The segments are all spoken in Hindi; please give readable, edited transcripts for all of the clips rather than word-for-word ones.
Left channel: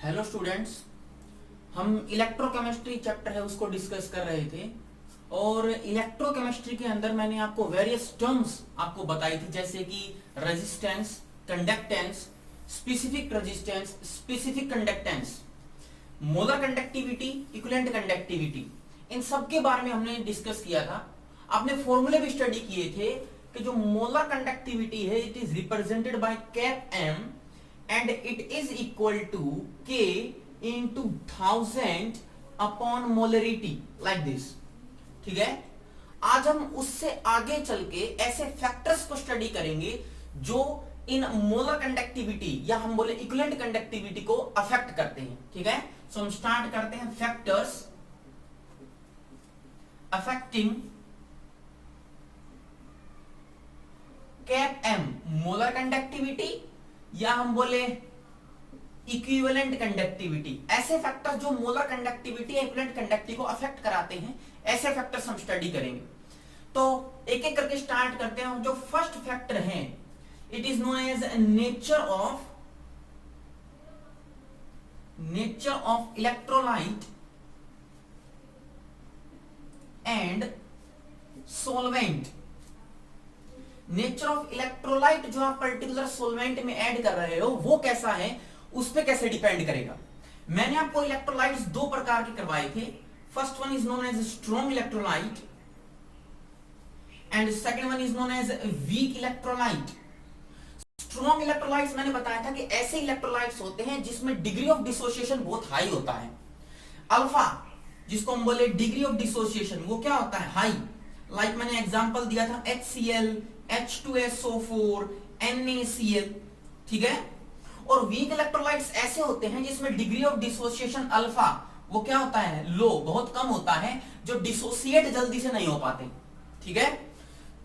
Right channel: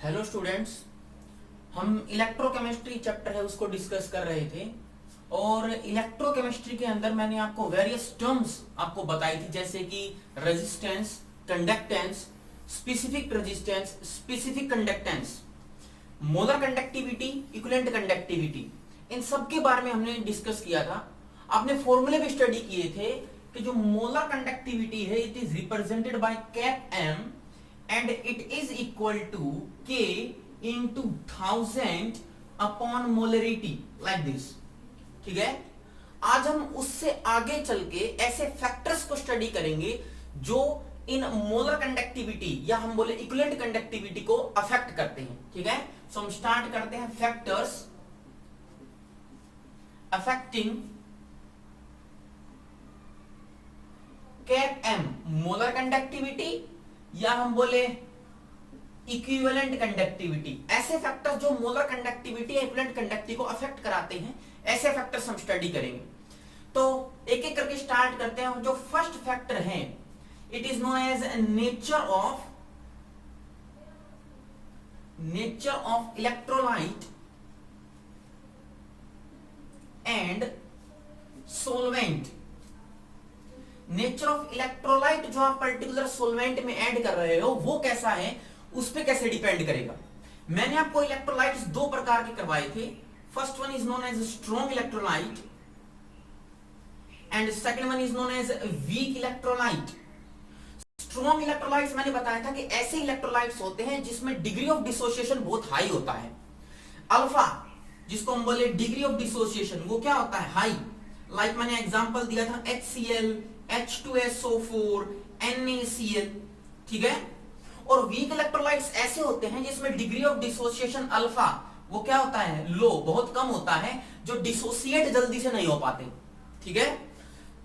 हेलो स्टूडेंट्स, हम इलेक्ट्रोकेमिस्ट्री चैप्टर है उसको डिस्कस कर रहे थे। और इलेक्ट्रोकेमिस्ट्री के अंदर मैंने आपको वेरियस टर्म्स आपको बताई थी, जैसे कि resistance, conductance, specific resistance, specific conductance, molar conductivity, equivalent conductivity, इन सब के बारे में हमने डिस्कस किया था। आपने फॉर्मूले भी स्टडी किए थे कि जो मोलर कंडक्टिविटी है it is represented by cap M and it is equal to K into 1000 upon molarity like this। ठीक है, आज हम उससे आगे चल के ऐसे फैक्टर्स को स्टडी करेंगे जो इन मोलर कंडक्टिविटी या हम बोले इक्विवेलेंट कंडक्टिविटी को अफेक्ट करते हैं। ठीक है, सो हम स्टार्ट करते हैं factors affecting cap M molar conductivity या हम बोले इक्विवेलेंट कंडक्टिविटी। ऐसे फैक्टर्स जो मोलर कंडक्टिविटी या इक्विवेलेंट कंडक्टिविटी को अफेक्ट कराते हैं, ऐसे फैक्टर्स हम स्टडी करेंगे। तो एक एक करके स्टार्ट करते हैं। जो फर्स्ट फैक्टर है it is known as nature of electrolyte and solvent. Nature of electrolyte जो आप पर्टिकुलर सोलवेंट में ऐड कर रहे हो वो कैसा है, उस पे कैसे डिपेंड करेगा। मैंने आपको इलेक्ट्रोलाइट्स दो प्रकार के करवाए थे। First one is known as strong electrolyte and second one is known as weak electrolyte. Strong electrolytes मैंने बताया था कि ऐसे इलेक्ट्रोलाइट्स होते हैं जिसमें डिग्री ऑफ डिसोसिएशन बहुत हाई होता है। अल्फा जिसको हम बोले डिग्री ऑफ डिसोसिएशन, वो क्या होता है, हाई। लाइक मैंने एग्जांपल दिया था HCl, H2SO4, NaCl। ठीक है, और वीक इलेक्ट्रोलाइट्स ऐसे होते हैं जिसमें डिग्री ऑफ डिसोसिएशन अल्फा वो क्या होता है, लो, बहुत कम होता है, जो डिसोसिएट जल्दी से नहीं हो पाते। ठीक है,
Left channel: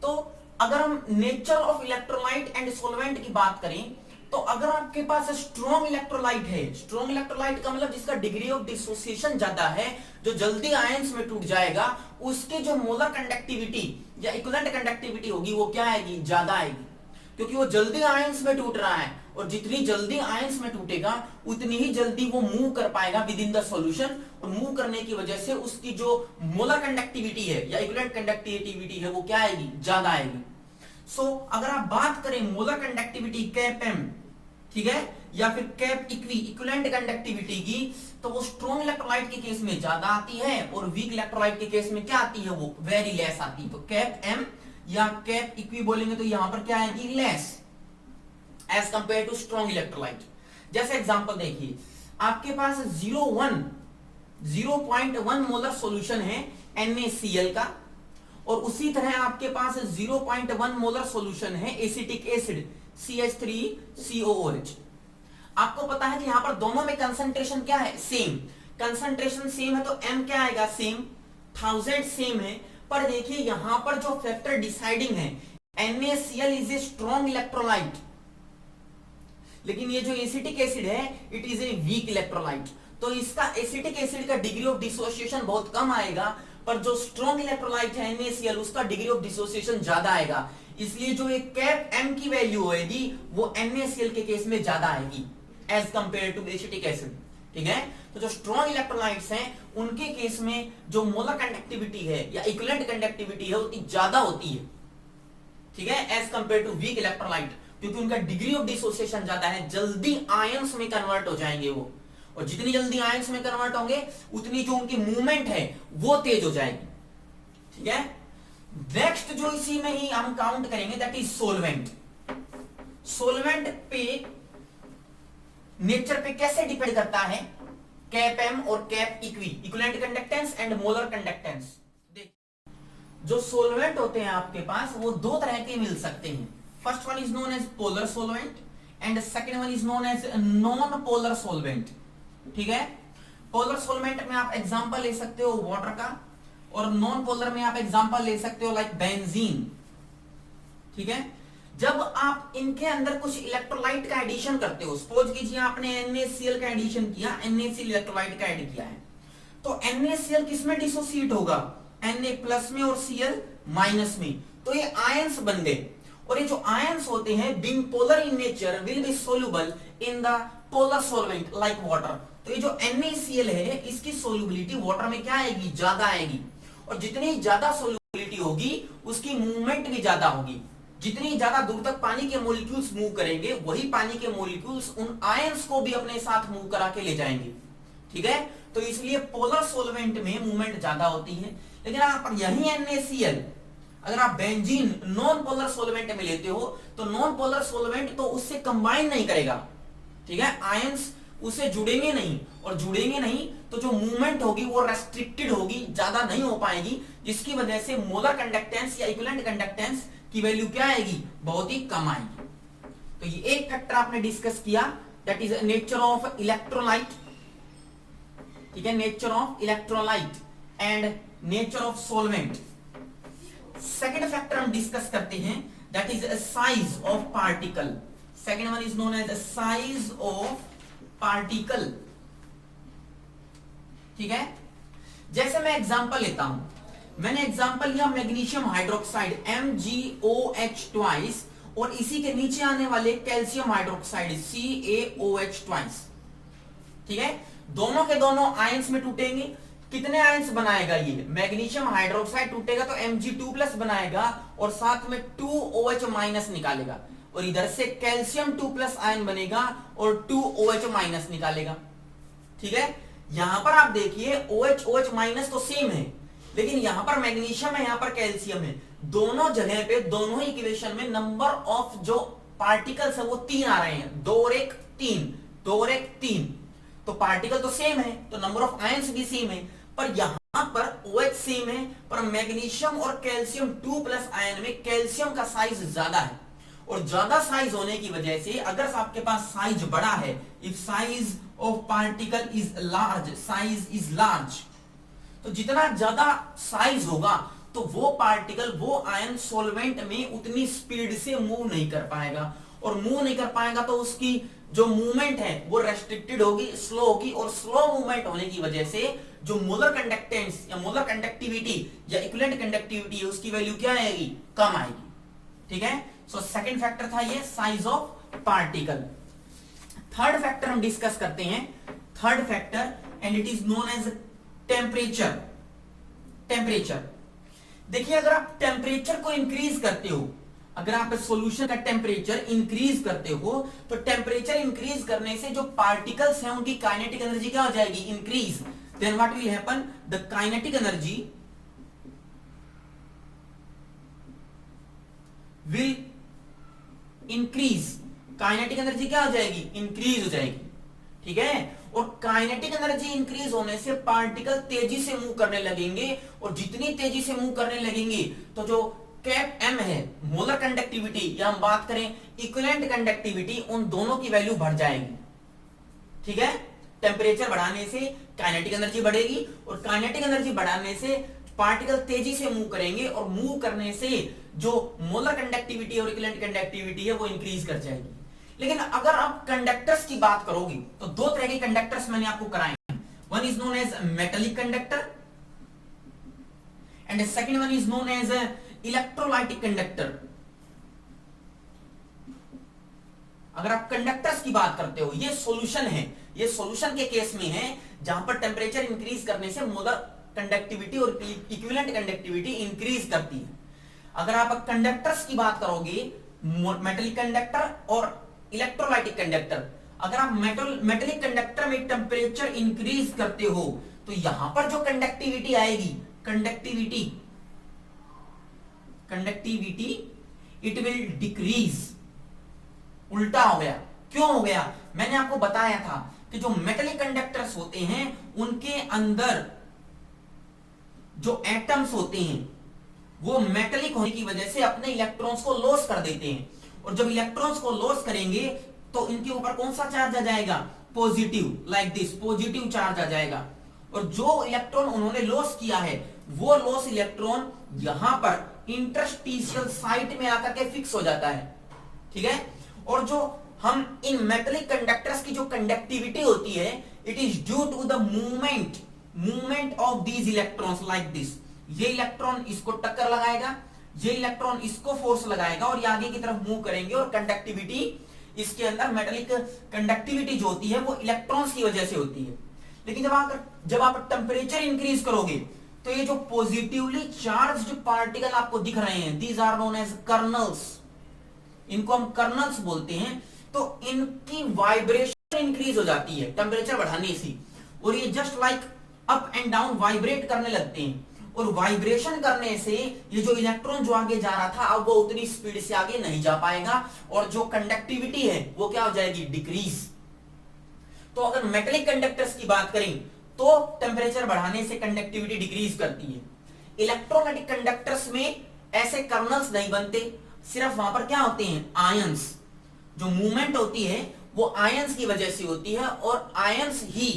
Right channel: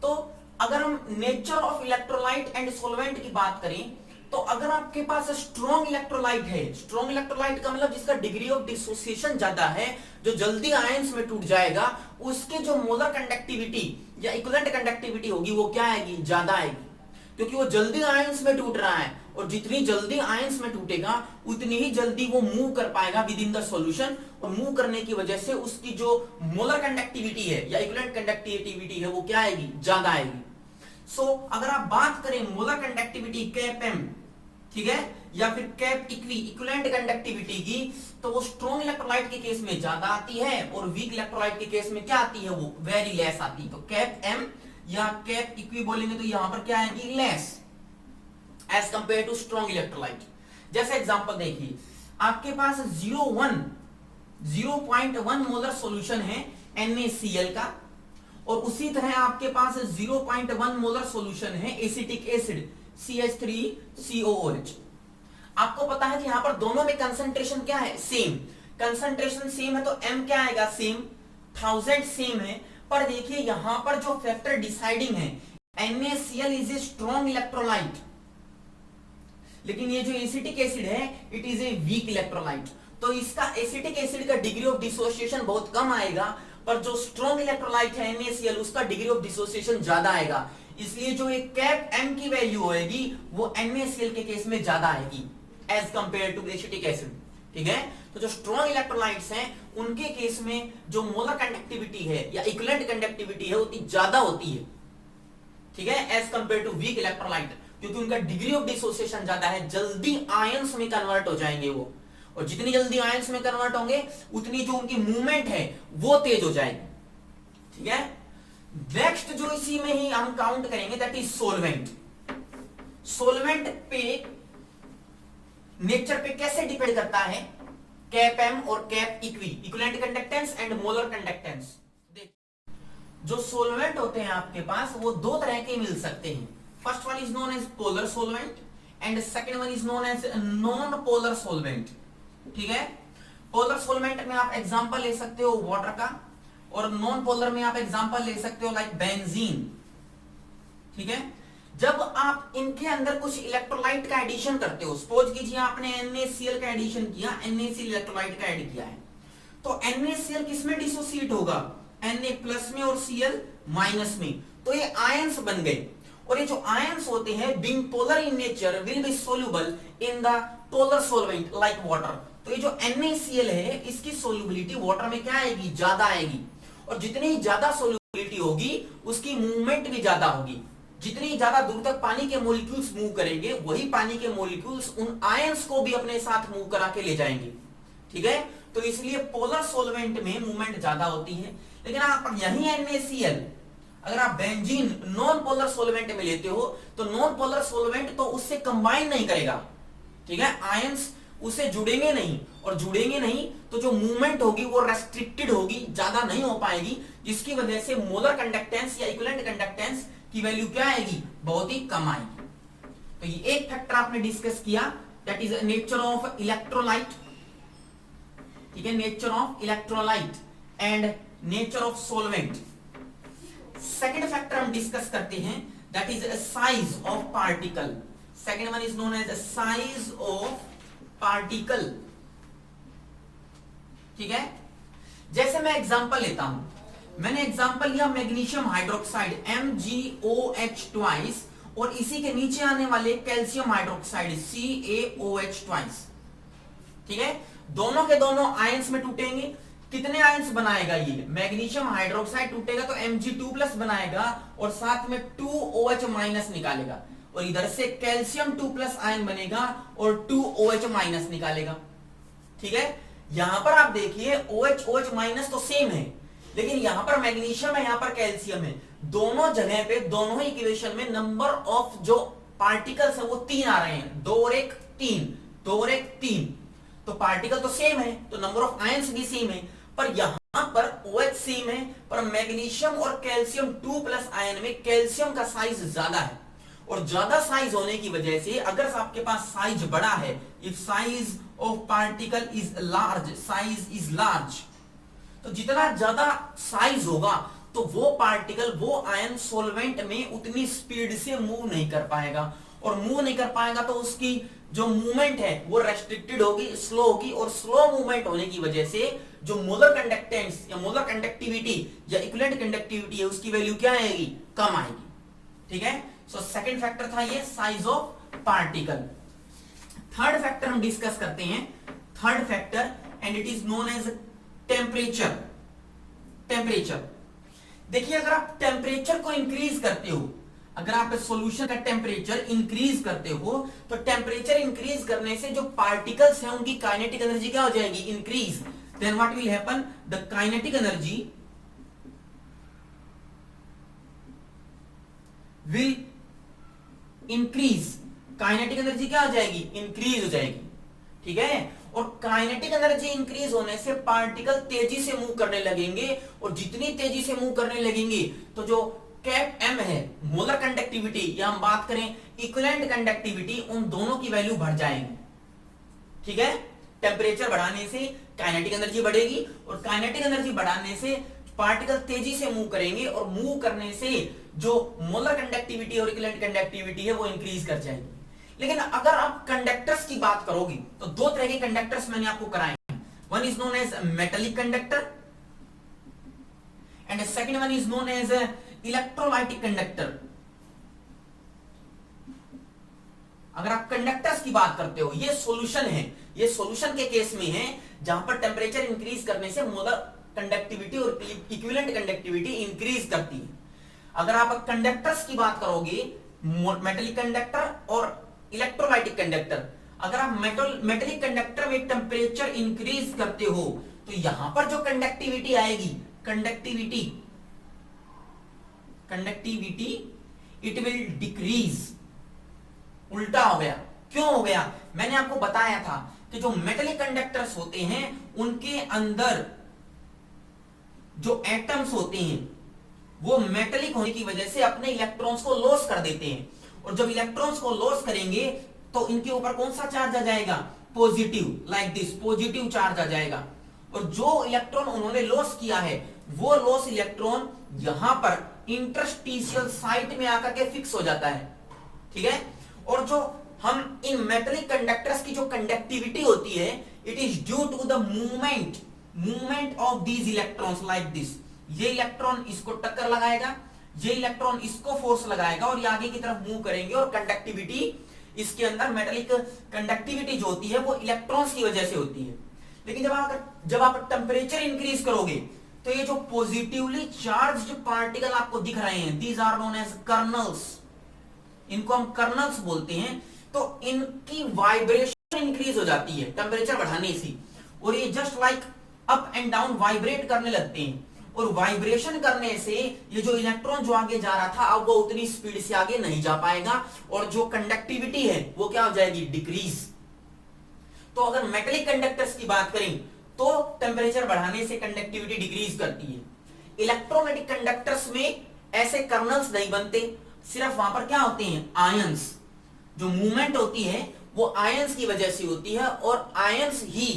तो अगर हम nature of electrolyte and solvent की बात करें तो अगर आपके पास स्ट्रॉन्ग इलेक्ट्रोलाइट है, स्ट्रॉन्ग इलेक्ट्रोलाइट का मतलब जिसका डिग्री ऑफ डिसोसिएशन ज्यादा है, जो जल्दी आयंस में टूट जाएगा, उसके जो मोलर कंडक्टिविटी या इक्विवेलेंट कंडक्टिविटी होगी वो क्या आएगी, ज्यादा आएगी, क्योंकि वो जल्दी आयंस में टूट रहा है। और जितनी जल्दी आयंस में टूटेगा उतनी ही जल्दी वो मूव कर पाएगा विद इन द सॉल्यूशन, और मूव करने की वजह से उसकी जो मोलर कंडक्टिविटी है या इक्विवेलेंट कंडक्टिविटी है वो क्या आएगी, ज्यादा आएगी। सो अगर आप बात करें मोलर कंडक्टिविटी कैप एम, ठीक है, या फिर कैप इक्विवेलेंट कंडक्टिविटी की, तो वो स्ट्रॉन्ग इलेक्ट्रोलाइट के केस में ज्यादा आती है और वीक इलेक्ट्रोलाइट के केस में क्या आती है, वो वेरी लेस आती है। तो कैप एम या कैप इक्वी बोलेंगे तो यहां पर क्या आएगी, less as compare to strong electrolyte. जैसे एग्जांपल देखिए, आपके पास 0.1 मोलर सॉल्यूशन है NaCl का, और उसी तरह आपके पास 0.1 मोलर सॉल्यूशन है एसिटिक एसिड CH3COOH। आपको पता है कि यहां पर दोनों में कंसंट्रेशन क्या है, सेम। कंसंट्रेशन सेम है तो M क्या आएगा, सेम, 1000 सेम है। पर देखिए यहां पर जो फैक्टर डिसाइडिंग है, NaCl is a strong electrolyte, लेकिन ये जो एसिटिक एसिड है it is a weak electrolyte. तो इसका एसिटिक एसिड का डिग्री ऑफ डिसोसिएशन बहुत कम आएगा, पर जो स्ट्रॉन्ग इलेक्ट्रोलाइट है NaCl उसका डिग्री ऑफ डिसोसिएशन ज्यादा आएगा। इसलिए जो एक कैप M की वैल्यू होगी वो NaCl के केस में ज्यादा आएगी as compare to acetic acid. ठीक है, तो जो स्ट्रॉन्ग इलेक्ट्रोलाइट्स हैं उनके केस में जो मोलर कंडक्टिविटी है या इक्विवेलेंट कंडक्टिविटी है उतनी ज्यादा होती है। ठीक है, as compare to weak electrolyte, क्योंकि उनका डिग्री ऑफ डिसोसिएशन ज्यादा है, जल्दी आयंस में कन्वर्ट हो जाएंगे वो, और जितनी जल्दी आयंस में कन्वर्ट होंगे उतनी जो उनकी मूवमेंट है वो तेज हो जाएगी। ठीक है, नेक्स्ट जो इसी में ही हम काउंट करेंगे दैट इज सोलवेंट। सोलवेंट पे नेचर पे कैसे डिपेंड करता है, कैप एम और cap equivalent conductance and molar conductance. जो सोलवेंट होते हैं आपके पास वो दो तरह के मिल सकते हैं। First one is known as polar solvent and second one is known as non polar solvent. ठीक है, पोलर सोलवेंट में आप एग्जांपल ले सकते हो वाटर का, और नॉन पोलर में आप एग्जांपल ले सकते हो लाइक बेंजीन। ठीक है, जब आप इनके अंदर कुछ इलेक्ट्रोलाइट का एडिशन करते हो, सपोज कीजिए आपने NaCl का एडिशन किया, NaCl इलेक्ट्रोलाइट का ऐड किया है, तो NaCl किसमें डिसोसिएट होगा, Na+ में और Cl- में, तो ये आयंस बन गए। और ये जो आयंस होते हैं being polar in nature will be soluble in the polar solvent like water. तो ये जो NaCl है इसकी सोल्युबिलिटी वाटर में क्या आएगी, ज्यादा आएगी, और जितनी ज्यादा सोल्युबिलिटी होगी उसकी मूवमेंट भी ज्यादा होगी। जितनी ज्यादा दूर तक पानी के मॉलिक्यूल्स मूव करेंगे वही पानी के मॉलिक्यूल्स उन आयंस को भी अपने साथ मूव करा के ले जाएंगे। ठीक है, तो इसलिए पोलर सोलवेंट में मूवमेंट ज्यादा होती है। लेकिन आप यही NaCl अगर आप बेंजीन नॉन पोलर सोलवेंट में लेते हो तो नॉन पोलर सोलवेंट तो उससे कंबाइन नहीं करेगा। ठीक है, आयंस उससे जुड़ेंगे नहीं, और जुड़ेंगे नहीं तो जो मूवमेंट होगी वो रेस्ट्रिक्टेड होगी, ज्यादा नहीं हो पाएगी, जिसकी वजह से मोलर कंडक्टेंस या इक्विवेलेंट कंडक्टेंस की वैल्यू क्या आएगी, बहुत ही कम आएगी। तो ये एक फैक्टर आपने डिस्कस किया, that is nature of electrolyte. ठीक है, nature of electrolyte and nature of solvent. Second factor हम डिस्कस करते हैं, that is size of particle. Second one is known as size of particle. ठीक है, जैसे मैं एग्जांपल लेता हूं, मैंने एग्जांपल लिया मैग्नीशियम हाइड्रोक्साइड MgOH ट्वाइस, और इसी के नीचे आने वाले कैल्शियम हाइड्रोक्साइड CaOH ट्वाइस। ठीक है, दोनों के दोनों आयंस में टूटेंगे। कितने आयंस बनाएगा ये, मैग्नीशियम हाइड्रोक्साइड टूटेगा तो Mg2+ बनाएगा और साथ में 2OH माइनस निकालेगा, और इधर से कैल्शियम 2+ आयन बनेगा और 2OH माइनस निकालेगा। ठीक है, यहां पर आप देखिए OH माइनस तो सेम है, लेकिन यहां पर मैग्नीशियम है, यहां पर कैल्शियम है। दोनों जगह पे दोनों ही इक्वेशन में नंबर ऑफ जो पार्टिकल्स है वो 3 आ रहे हैं, 2 और 1 3, 2 और 1 3। तो पार्टिकल तो सेम है तो नंबर ऑफ आयंस भी सेम है, पर यहां पर OH सेम है, पर मैग्नीशियम और कैल्शियम 2+ आयन में कैल्शियम का साइज ज्यादा है, और ज्यादा साइज होने की वजह से अगर आपके पास साइज बड़ा है, if size of particle is large, size is large, तो जितना ज्यादा साइज होगा तो वो पार्टिकल, वो आयन सोलवेंट में उतनी स्पीड से मूव नहीं कर पाएगा, और मूव नहीं कर पाएगा तो उसकी जो मूवमेंट है वो रेस्ट्रिक्टेड होगी, स्लो होगी, और स्लो मूवमेंट होने की वजह से जो मोलर कंडक्टेंस या मोलर कंडक्टिविटी या इक्विवेलेंट कंडक्टिविटी है उसकी वैल्यू क्या आएगी, कम आएगी। ठीक है, सो सेकंड फैक्टर था ये size of particle. Third factor हम डिस्कस करते हैं, third factor, and it is known as temperature. Temperature देखिए, अगर आप टेम्परेचर को इंक्रीज करते हो, अगर आप सॉल्यूशन का टेम्परेचर इंक्रीज करते हो, तो टेम्परेचर इंक्रीज करने से जो पार्टिकल्स हैं उनकी काइनेटिक एनर्जी क्या हो जाएगी, increase. Then what will happen, the kinetic energy will increase. Kinetic energy क्या हो जाएगी, इंक्रीज हो जाएगी। ठीक है, और काइनेटिक एनर्जी इंक्रीज होने से पार्टिकल तेजी से मूव करने लगेंगे, और जितनी तेजी से मूव करने लगेंगे तो जो कैप M है, मोलर कंडक्टिविटी, या हम बात करें इक्विवेलेंट कंडक्टिविटी, उन दोनों की वैल्यू बढ़ जाएगी। ठीक है, टेम्परेचर बढ़ाने से काइनेटिक एनर्जी बढ़ेगी, और काइनेटिक एनर्जी बढ़ाने से पार्टिकल तेजी से मूव करेंगे, और मूव करने से जो मोलर कंडक्टिविटी और इक्विवेलेंट कंडक्टिविटी है वो इंक्रीज कर जाएगी। लेकिन अगर आप कंडक्टर्स की बात करोगे तो दो तरह के कंडक्टर्स मैंने आपको कराए हैं, one is known as metallic conductor and second one is known as electrolytic conductor. अगर आप कंडक्टर्स की बात करते हो, ये सॉल्यूशन है, ये सॉल्यूशन के केस में है जहां पर टेम्परेचर इंक्रीज करने से मोलर कंडक्टिविटी और इक्विवेलेंट कंडक्टिविटी इंक्रीज करती है। अगर आप कंडक्टर्स की बात करोगे, मेटेलिक कंडक्टर और इलेक्ट्रोलाइटिक कंडक्टर, अगर आप मेटेलिक कंडक्टर में टेम्परेचर इंक्रीज करते हो तो यहां पर जो कंडक्टिविटी आएगी, कंडक्टिविटी इट विल डिक्रीज। उल्टा हो गया, क्यों हो गया, मैंने आपको बताया था कि जो मेटेलिक कंडक्टर्स होते हैं उनके अंदर जो एटम्स होते हैं वो मेटेलिक होने की वजह से अपने इलेक्ट्रॉन्स को लॉस कर देते हैं, और जब इलेक्ट्रॉन्स को लॉस करेंगे तो इनके ऊपर कौन सा चार्ज आ जाएगा, positive, like this, positive charge आ जाएगा। और जो इलेक्ट्रॉन उन्होंने लॉस किया है वो लॉस इलेक्ट्रॉन यहां पर इंटरस्टिशियल साइट में आकर के फिक्स हो जाता है। ठीक है, और जो हम इन मेटेलिक कंडक्टर्स की जो कंडक्टिविटी होती है, it is due to the movement of these electrons like this. ये इलेक्ट्रॉन इसको टक्कर लगाएगा, ये इलेक्ट्रॉन इसको फोर्स लगाएगा, और ये आगे की तरफ मूव करेंगे, और कंडक्टिविटी इसके अंदर मेटेलिक कंडक्टिविटी जो होती है वो इलेक्ट्रॉन्स की वजह से होती है। लेकिन जब आप टेम्परेचर इंक्रीज करोगे तो ये जो पॉजिटिवली चार्ज्ड पार्टिकल आपको दिख रहे हैं, these are known as kernels, इनको हम कर्नल्स बोलते हैं। तो इनकी वाइब्रेशन इंक्रीज हो जाती है टेम्परेचर बढ़ाने से, और ये just like up and down vibrate करने लगते हैं। और वाइब्रेशन करने से ये जो इलेक्ट्रॉन जो आगे जा रहा था अब वो उतनी स्पीड से आगे नहीं जा पाएगा, और जो कंडक्टिविटी है वो क्या हो जाएगी, डिक्रीज। तो अगर मेटेलिक कंडक्टर्स की बात करें तो टेम्परेचर बढ़ाने से कंडक्टिविटी डिक्रीज करती है। इलेक्ट्रोमैग्नेटिक कंडक्टर्स में ऐसे कर्नल्स नहीं बनते, सिर्फ वहां पर क्या होते हैं, आयंस। जो मूवमेंट होती है वो आयंस की वजह से होती है, और आयंस ही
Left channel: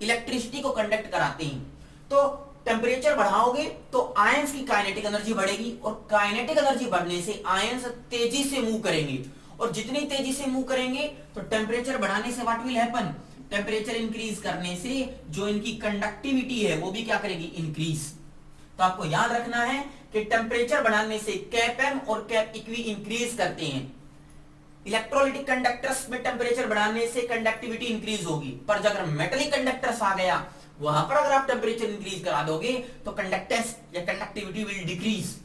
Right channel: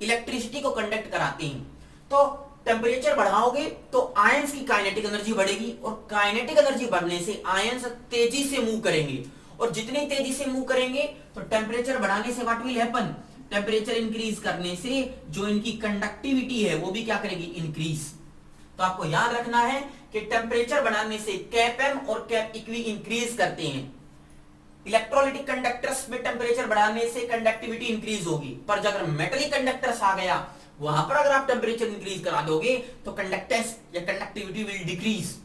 इलेक्ट्रिसिटी को कंडक्ट कराते हैं। तो टेम्परेचर बढ़ाओगे तो आयंस की काइनेटिक एनर्जी बढ़ेगी, और काइनेटिक एनर्जी बढ़ने से आयंस तेजी से मूव करेंगे, और जितनी तेजी से मूव करेंगे तो टेम्परेचर बढ़ाने से what will happen, temperature increase करने से जो इनकी कंडक्टिविटी है वो भी क्या करेगी, इंक्रीज। तो आपको याद रखना है कि टेम्परेचर बढ़ाने से कैप एम और कैप इक्वी इंक्रीज करते हैं। इलेक्ट्रोलाइटिक कंडक्टर्स में टेम्परेचर बढ़ाने से कंडक्टिविटी इंक्रीज होगी, पर अगर मेटलिक कंडक्टर्स आ गया वहां पर अगर आप टेम्परेचर इंक्रीज करा दोगे तो कंडक्टेंस या conductivity will decrease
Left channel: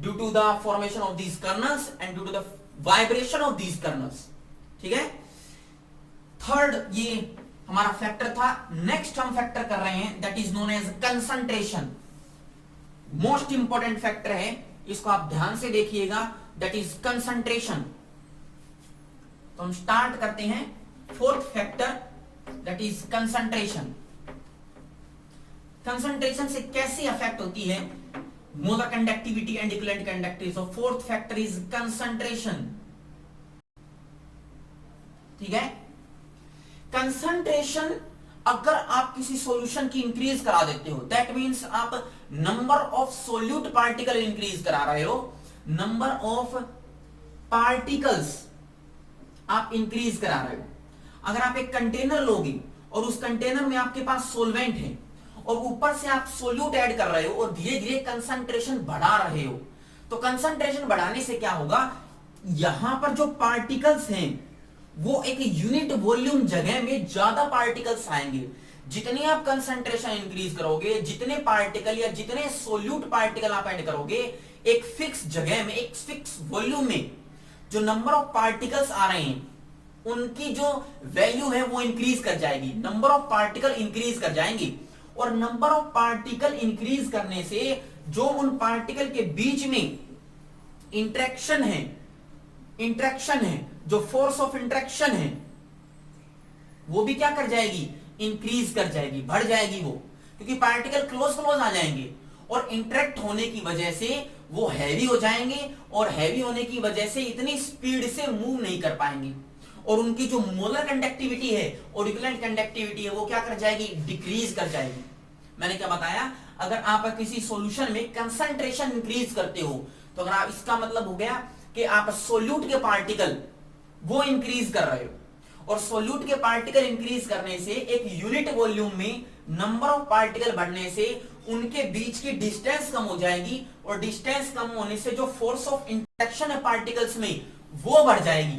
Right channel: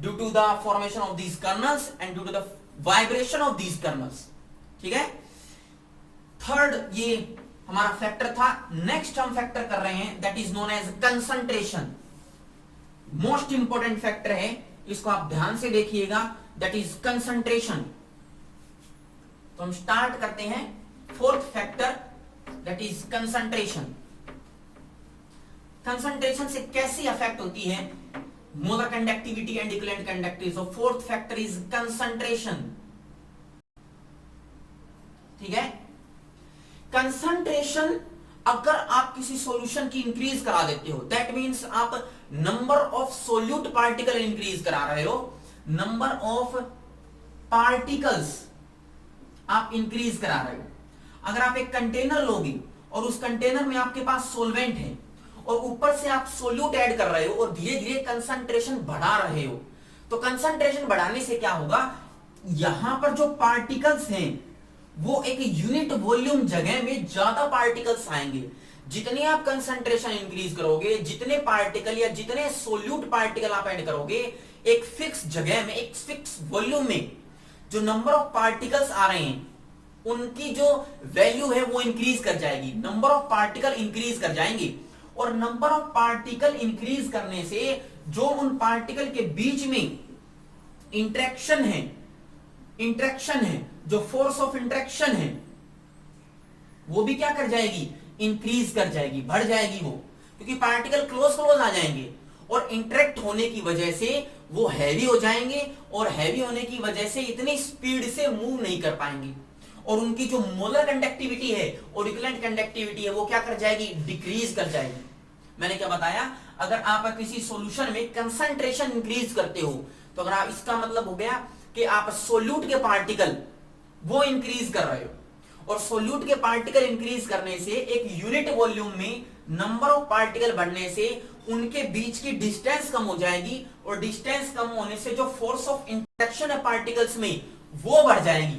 due to the formation of these kernels and due to the vibration of these kernels. ठीक है, थर्ड ये हमारा फैक्टर था। नेक्स्ट हम फैक्टर कर रहे हैं that is known as concentration. Most important factor है, इसको आप ध्यान से देखिएगा, दैट इज कंसंट्रेशन। तो हम स्टार्ट करते हैं fourth factor, that is concentration. Concentration से कैसी अफेक्ट होती है molar conductivity and equivalent conductivity. So fourth factor is concentration. ठीक है, कंसंट्रेशन अगर आप किसी सॉल्यूशन की इंक्रीज करा देते हो, दैट मींस आप number of solute particle increase करा रहे हो, नंबर ऑफ पार्टिकल्स आप इंक्रीज करा रहे हो। अगर आप एक कंटेनर लोगे और उस कंटेनर में आपके पास सोलवेंट है और ऊपर से आप सोल्यूट ऐड कर रहे हो और धीरे धीरे कंसंट्रेशन बढ़ा रहे हो, तो कंसंट्रेशन बढ़ाने से क्या होगा, यहां पर जो पार्टिकल्स हैं वो एक यूनिट वॉल्यूम जगह में ज्यादा पार्टिकल्स आएंगे। जितनी आप कंसंट्रेशन इंक्रीज करोगे, जितने पार्टिकल या जितने सोल्यूट पार्टिकल आप ऐड करोगे, एक फिक्स जगह में, एक फिक्स वॉल्यूम में जो नंबर ऑफ पार्टिकल्स आ रहे हैं उनकी जो वैल्यू है वो इंक्रीज कर जाएगी। नंबर ऑफ पार्टिकल इंक्रीज कर जाएंगे, और नंबर ऑफ पार्टिकल इंक्रीज करने से जो उन पार्टिकल के बीच में इंटरेक्शन है, जो फोर्स ऑफ इंटरेक्शन है वो भी क्या कर जाएगी, इंक्रीज कर जाएगी, बढ़ जाएगी वो, क्योंकि पार्टिकल क्लोज आ जाएंगे और इंटरेक्ट होने की वजह से वो हैवी हो जाएंगे, और हैवी होने की वजह से इतनी स्पीड से मूव नहीं कर पाएंगे, और उनकी जो मोलर कंडक्टिविटी है और इक्विवेलेंट कंडक्टिविटी है वो क्या कर जाएगी, डिक्रीज कर जाएगी। मैंने क्या बताया, अगर आप किसी सॉल्यूशन में कंसंट्रेशन इंक्रीज करते हो तो अगर आप, इसका मतलब हो गया कि आप सोल्यूट के पार्टिकल वो इंक्रीज कर रहे हो, और सोल्यूट के पार्टिकल इंक्रीज करने से एक यूनिट वॉल्यूम में नंबर ऑफ पार्टिकल बढ़ने से उनके बीच की डिस्टेंस कम हो जाएगी, और डिस्टेंस कम होने से जो फोर्स ऑफ इंटरेक्शन है पार्टिकल्स में वो बढ़ जाएगी,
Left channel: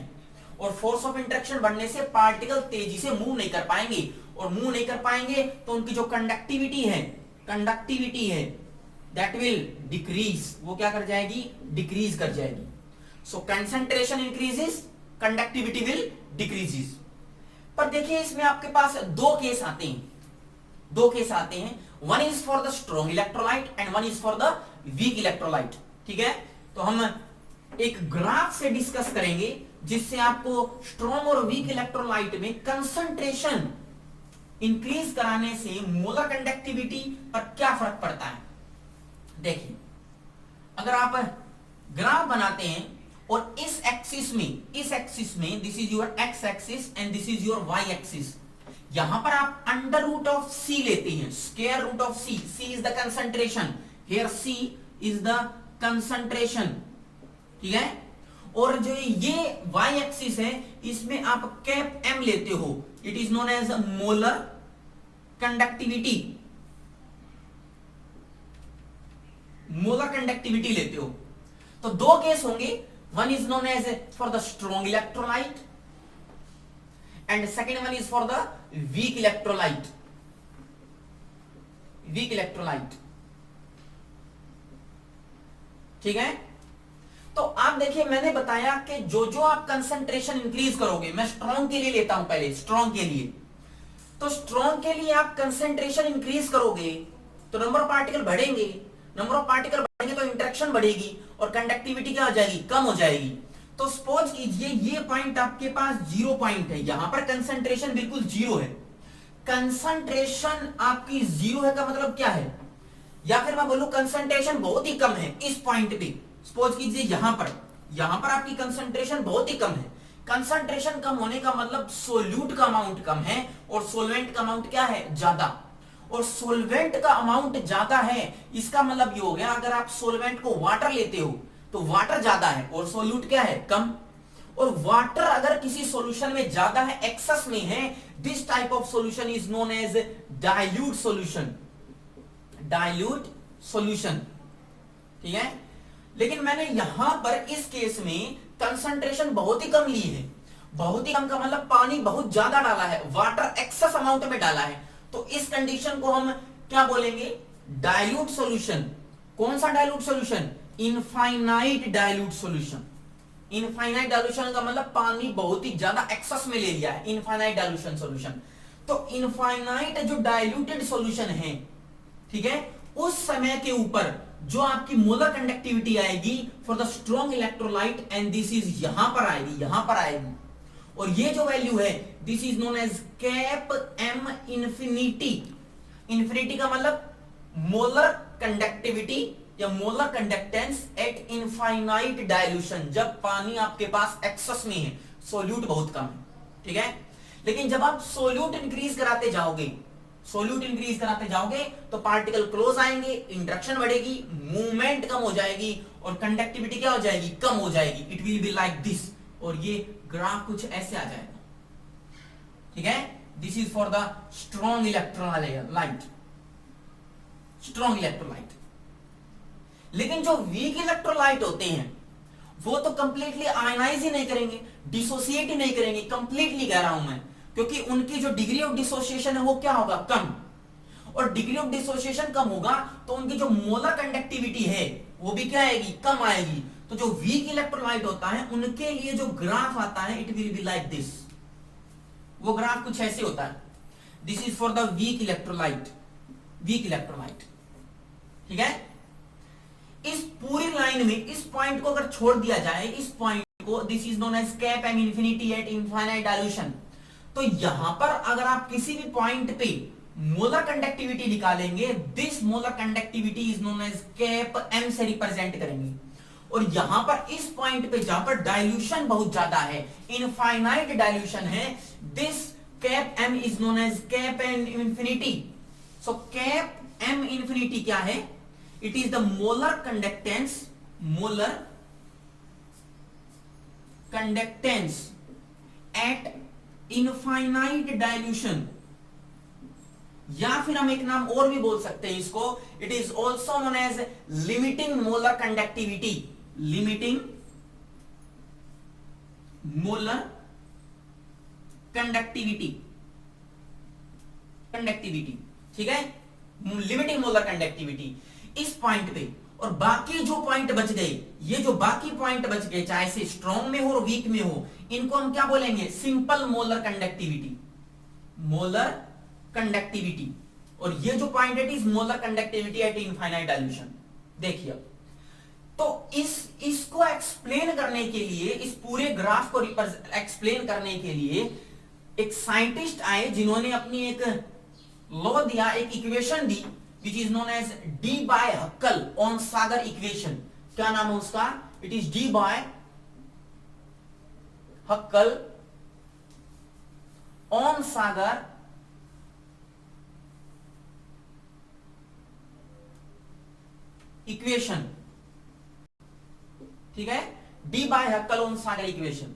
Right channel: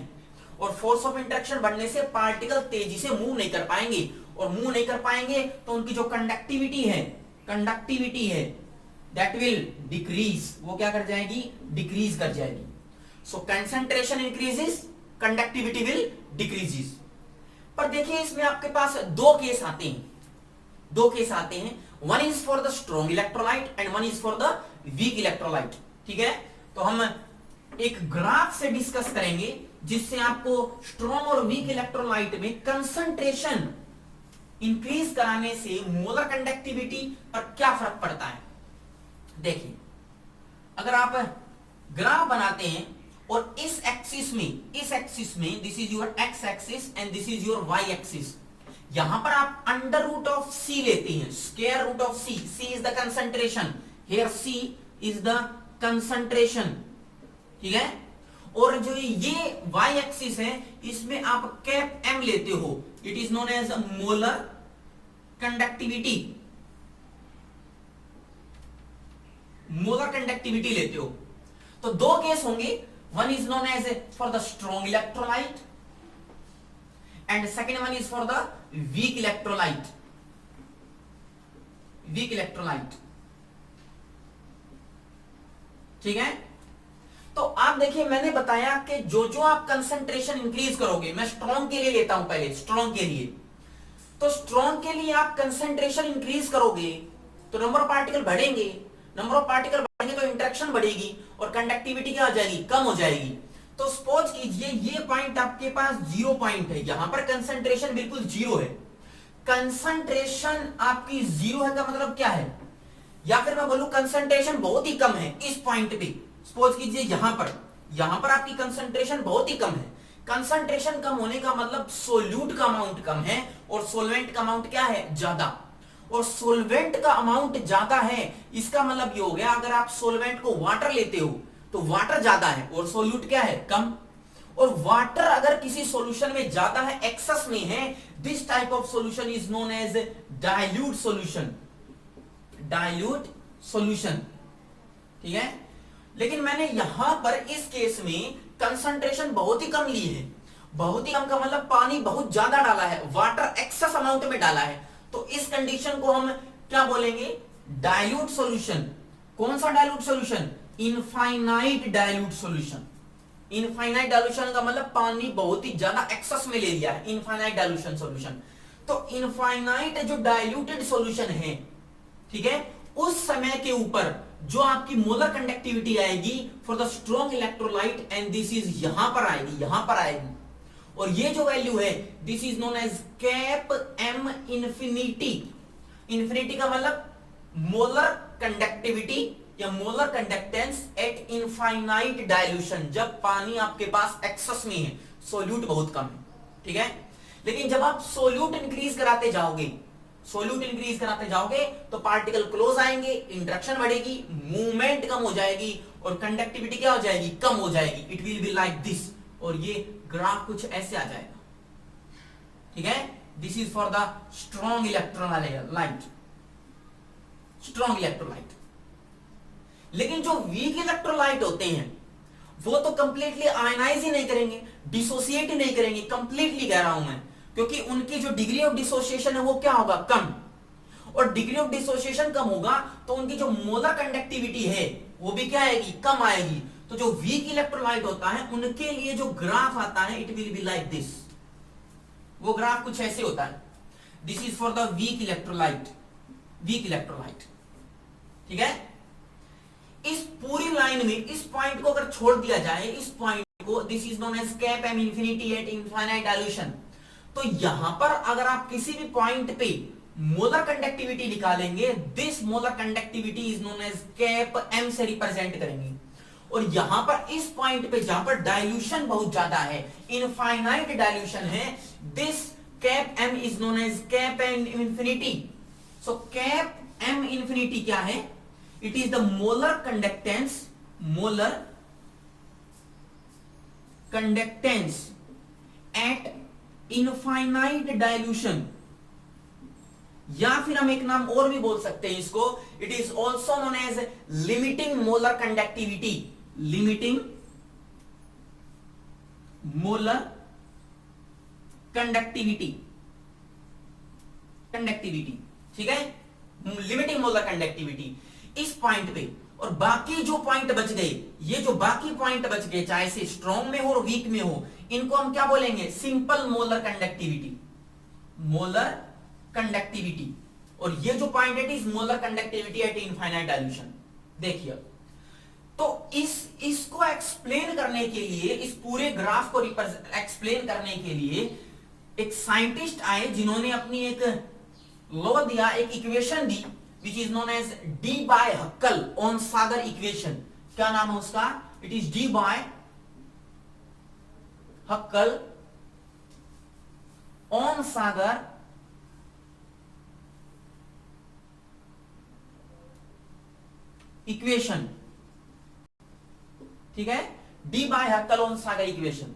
और फोर्स ऑफ इंटरेक्शन बढ़ने से पार्टिकल तेजी से मूव नहीं कर पाएंगे, और मूव नहीं कर पाएंगे तो उनकी जो कंडक्टिविटी है दैट विल डिक्रीज, वो क्या कर जाएगी, डिक्रीज कर जाएगी। So concentration increases, conductivity will decreases. पर देखिए इसमें आपके पास दो केस आते हैं, one is for the strong electrolyte and one is for the weak electrolyte. ठीक है, तो हम एक ग्राफ से डिस्कस करेंगे जिससे आपको स्ट्रॉन्ग और वीक इलेक्ट्रोलाइट में कंसंट्रेशन इंक्रीज कराने से मोलर कंडक्टिविटी पर क्या फर्क पड़ता है। देखिए, अगर आप ग्राफ बनाते हैं और इस एक्सिस में this is your X axis and this is your Y axis, यहां पर आप अंडर रूट ऑफ सी लेते हैं, square root of C, C is the concentration, here C is the concentration. ठीक है, और जो ये वाई एक्सिस है इसमें आप कैप एम लेते हो, it is known as molar conductivity, लेते हो। तो दो केस होंगे, one is known as for the strong electrolyte and second one is for the weak electrolyte, weak electrolyte. ठीक है, तो आप देखिए मैंने बताया कि जो जो आप कंसंट्रेशन इंक्रीज करोगे, मैं स्ट्रॉन्ग के लिए लेता हूं पहले, स्ट्रॉन्ग के लिए, तो स्ट्रॉन्ग के लिए आप कंसंट्रेशन इंक्रीज करोगे तो नंबर ऑफ पार्टिकल बढ़ेंगे, नंबर ऑफ पार्टिकल बढ़ेंगे तो इंटरेक्शन बढ़ेगी और कंडक्टिविटी क्या हो जाएगी, कम हो जाएगी। तो सपोज कीजिए ये पॉइंट आपके पास 0 पॉइंट है, यहां पर कंसंट्रेशन बिल्कुल 0 है, कंसंट्रेशन आपकी 0 है का मतलब क्या है, या फिर मैं बोलूं कंसंट्रेशन बहुत ही कम है इस पॉइंट पे, सपोज कीजिए यहां पर आपकी कंसंट्रेशन बहुत ही कम है। कंसंट्रेशन कम होने का मतलब सोल्यूट का अमाउंट कम है और सोलवेंट का अमाउंट क्या है, ज्यादा, और सोलवेंट का अमाउंट ज्यादा है, इसका मतलब ये हो गया अगर आप सोलवेंट को वाटर लेते हो तो वाटर ज्यादा है और सोल्यूट क्या है, कम। और वाटर अगर किसी सॉल्यूशन में ज्यादा है, एक्सेस में है, this type of solution is known as dilute solution, dilute solution. ठीक है, लेकिन मैंने यहां पर इस केस में कंसंट्रेशन बहुत ही कम ली है, बहुत ही कम का मतलब पानी बहुत ज्यादा डाला है, वाटर एक्सेस अमाउंट में डाला है, तो इस कंडीशन को हम क्या बोलेंगे, डाइल्यूट सॉल्यूशन। कौन सा dilute solution, infinite dilute solution. Infinite dilution का मतलब पानी बहुत ही ज्यादा एक्सेस में ले लिया है, इनफाइनाइट डाइल्यूशन सॉल्यूशन। तो इनफाइनाइट जो डाइल्यूटेड सॉल्यूशन है, ठीक है, उस समय के ऊपर जो आपकी मोलर कंडक्टिविटी आएगी for the strong electrolyte, and this is यहां पर आएगी, यहां पर आएगी, और ये जो वैल्यू है this is known as cap M infinity. Infinity का मतलब मोलर कंडक्टिविटी या molar conductance at infinite dilution, जब पानी आपके पास एक्सेस में है, सोल्यूट बहुत कम है। ठीक है, लेकिन जब आप सोल्यूट इंक्रीज कराते जाओगे, सोल्यूट इंक्रीज कराते जाओगे तो पार्टिकल क्लोज आएंगे, इंटरेक्शन बढ़ेगी, मूवमेंट कम हो जाएगी और कंडक्टिविटी क्या हो जाएगी, कम हो जाएगी। It will be like this, और ये ग्राफ कुछ ऐसे आ जाएगा। ठीक है, this is for the strong electrolyte, strong electrolyte. लेकिन जो वीक इलेक्ट्रोलाइट होते हैं वो तो कंप्लीटली आयनाइज ही नहीं करेंगे, डिसोसिएट ही नहीं करेंगे, कंप्लीटली कह रहा हूं मैं, क्योंकि उनकी जो डिग्री ऑफ डिसोसिएशन है वो क्या होगा, कम, और डिग्री ऑफ डिसोसिएशन कम होगा तो उनकी जो मोलर कंडक्टिविटी है वो भी क्या आएगी, कम आएगी। तो जो वीक इलेक्ट्रोलाइट होता है उनके लिए जो ग्राफ आता है it will be like this, वो ग्राफ कुछ ऐसे होता है, this is for the weak electrolyte, weak electrolyte. ठीक है, इस पूरी लाइन में इस पॉइंट को अगर छोड़ दिया जाए, इस पॉइंट को, this is known as cap M infinity at infinite dilution, तो यहां पर अगर आप किसी भी पॉइंट पे मोलर कंडक्टिविटी निकालेंगे, this molar conductivity is known as cap M से रिप्रेजेंट करेंगे। और यहां पर इस पॉइंट पे जहां पर डाइल्यूशन बहुत ज्यादा है, इनफाइनाइट डाइल्यूशन है, this cap M is known as cap M infinity. So cap M infinity क्या है, it is the molar conductance, molar conductance at infinite dilution, या फिर हम एक नाम और भी बोल सकते हैं इसको, it is also known as limiting molar conductivity, limiting molar conductivity, conductivity. ठीक है, लिमिटिंग मोलर कंडक्टिविटी इस पॉइंट पे। और बाकी जो पॉइंट बच गए, ये जो बाकी पॉइंट बच गए, चाहे से स्ट्रॉन्ग में हो और वीक में हो, इनको हम क्या बोलेंगे, simple molar conductivity, molar conductivity. और ये जो पॉइंट है is molar conductivity at infinite dilution. देखिए, तो इसको एक्सप्लेन करने के लिए, इस पूरे ग्राफ को एक्सप्लेन करने के लिए एक साइंटिस्ट आए जिन्होंने अपनी एक लॉ दिया, एक equation the, which is known as D by Huckel-Onsager equation। क्या नाम है उसका, it is D by Huckel-Onsager equation. ठीक है, D by Huckel-Onsager इक्वेशन।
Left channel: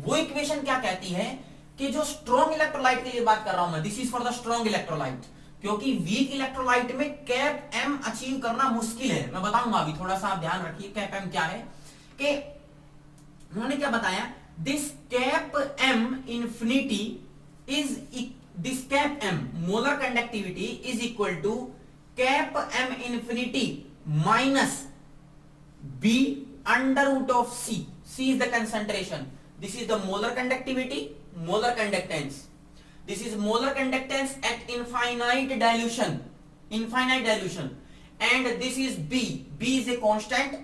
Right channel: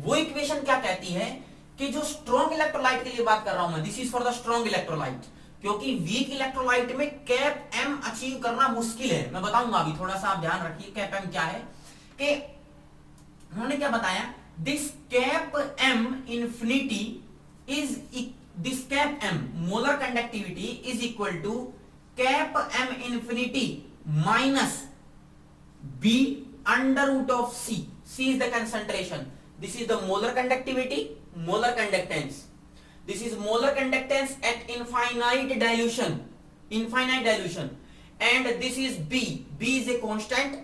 वो इक्वेशन क्या कहती है कि जो स्ट्रॉन्ग इलेक्ट्रोलाइट के लिए बात कर रहा हूं मैं, this is for the strong electrolyte, क्योंकि वीक इलेक्ट्रोलाइट में कैप एम अचीव करना मुश्किल है। मैं बताऊंगा अभी, थोड़ा सा आप ध्यान रखिए कैप एम क्या है। कि उन्होंने क्या बताया, this cap M infinity is this cap m molar conductivity is equal to cap m infinity minus b under root of c. C is the concentration. This is the molar conductivity, molar conductance. This is molar conductance at infinite dilution, and this is b. B is a constant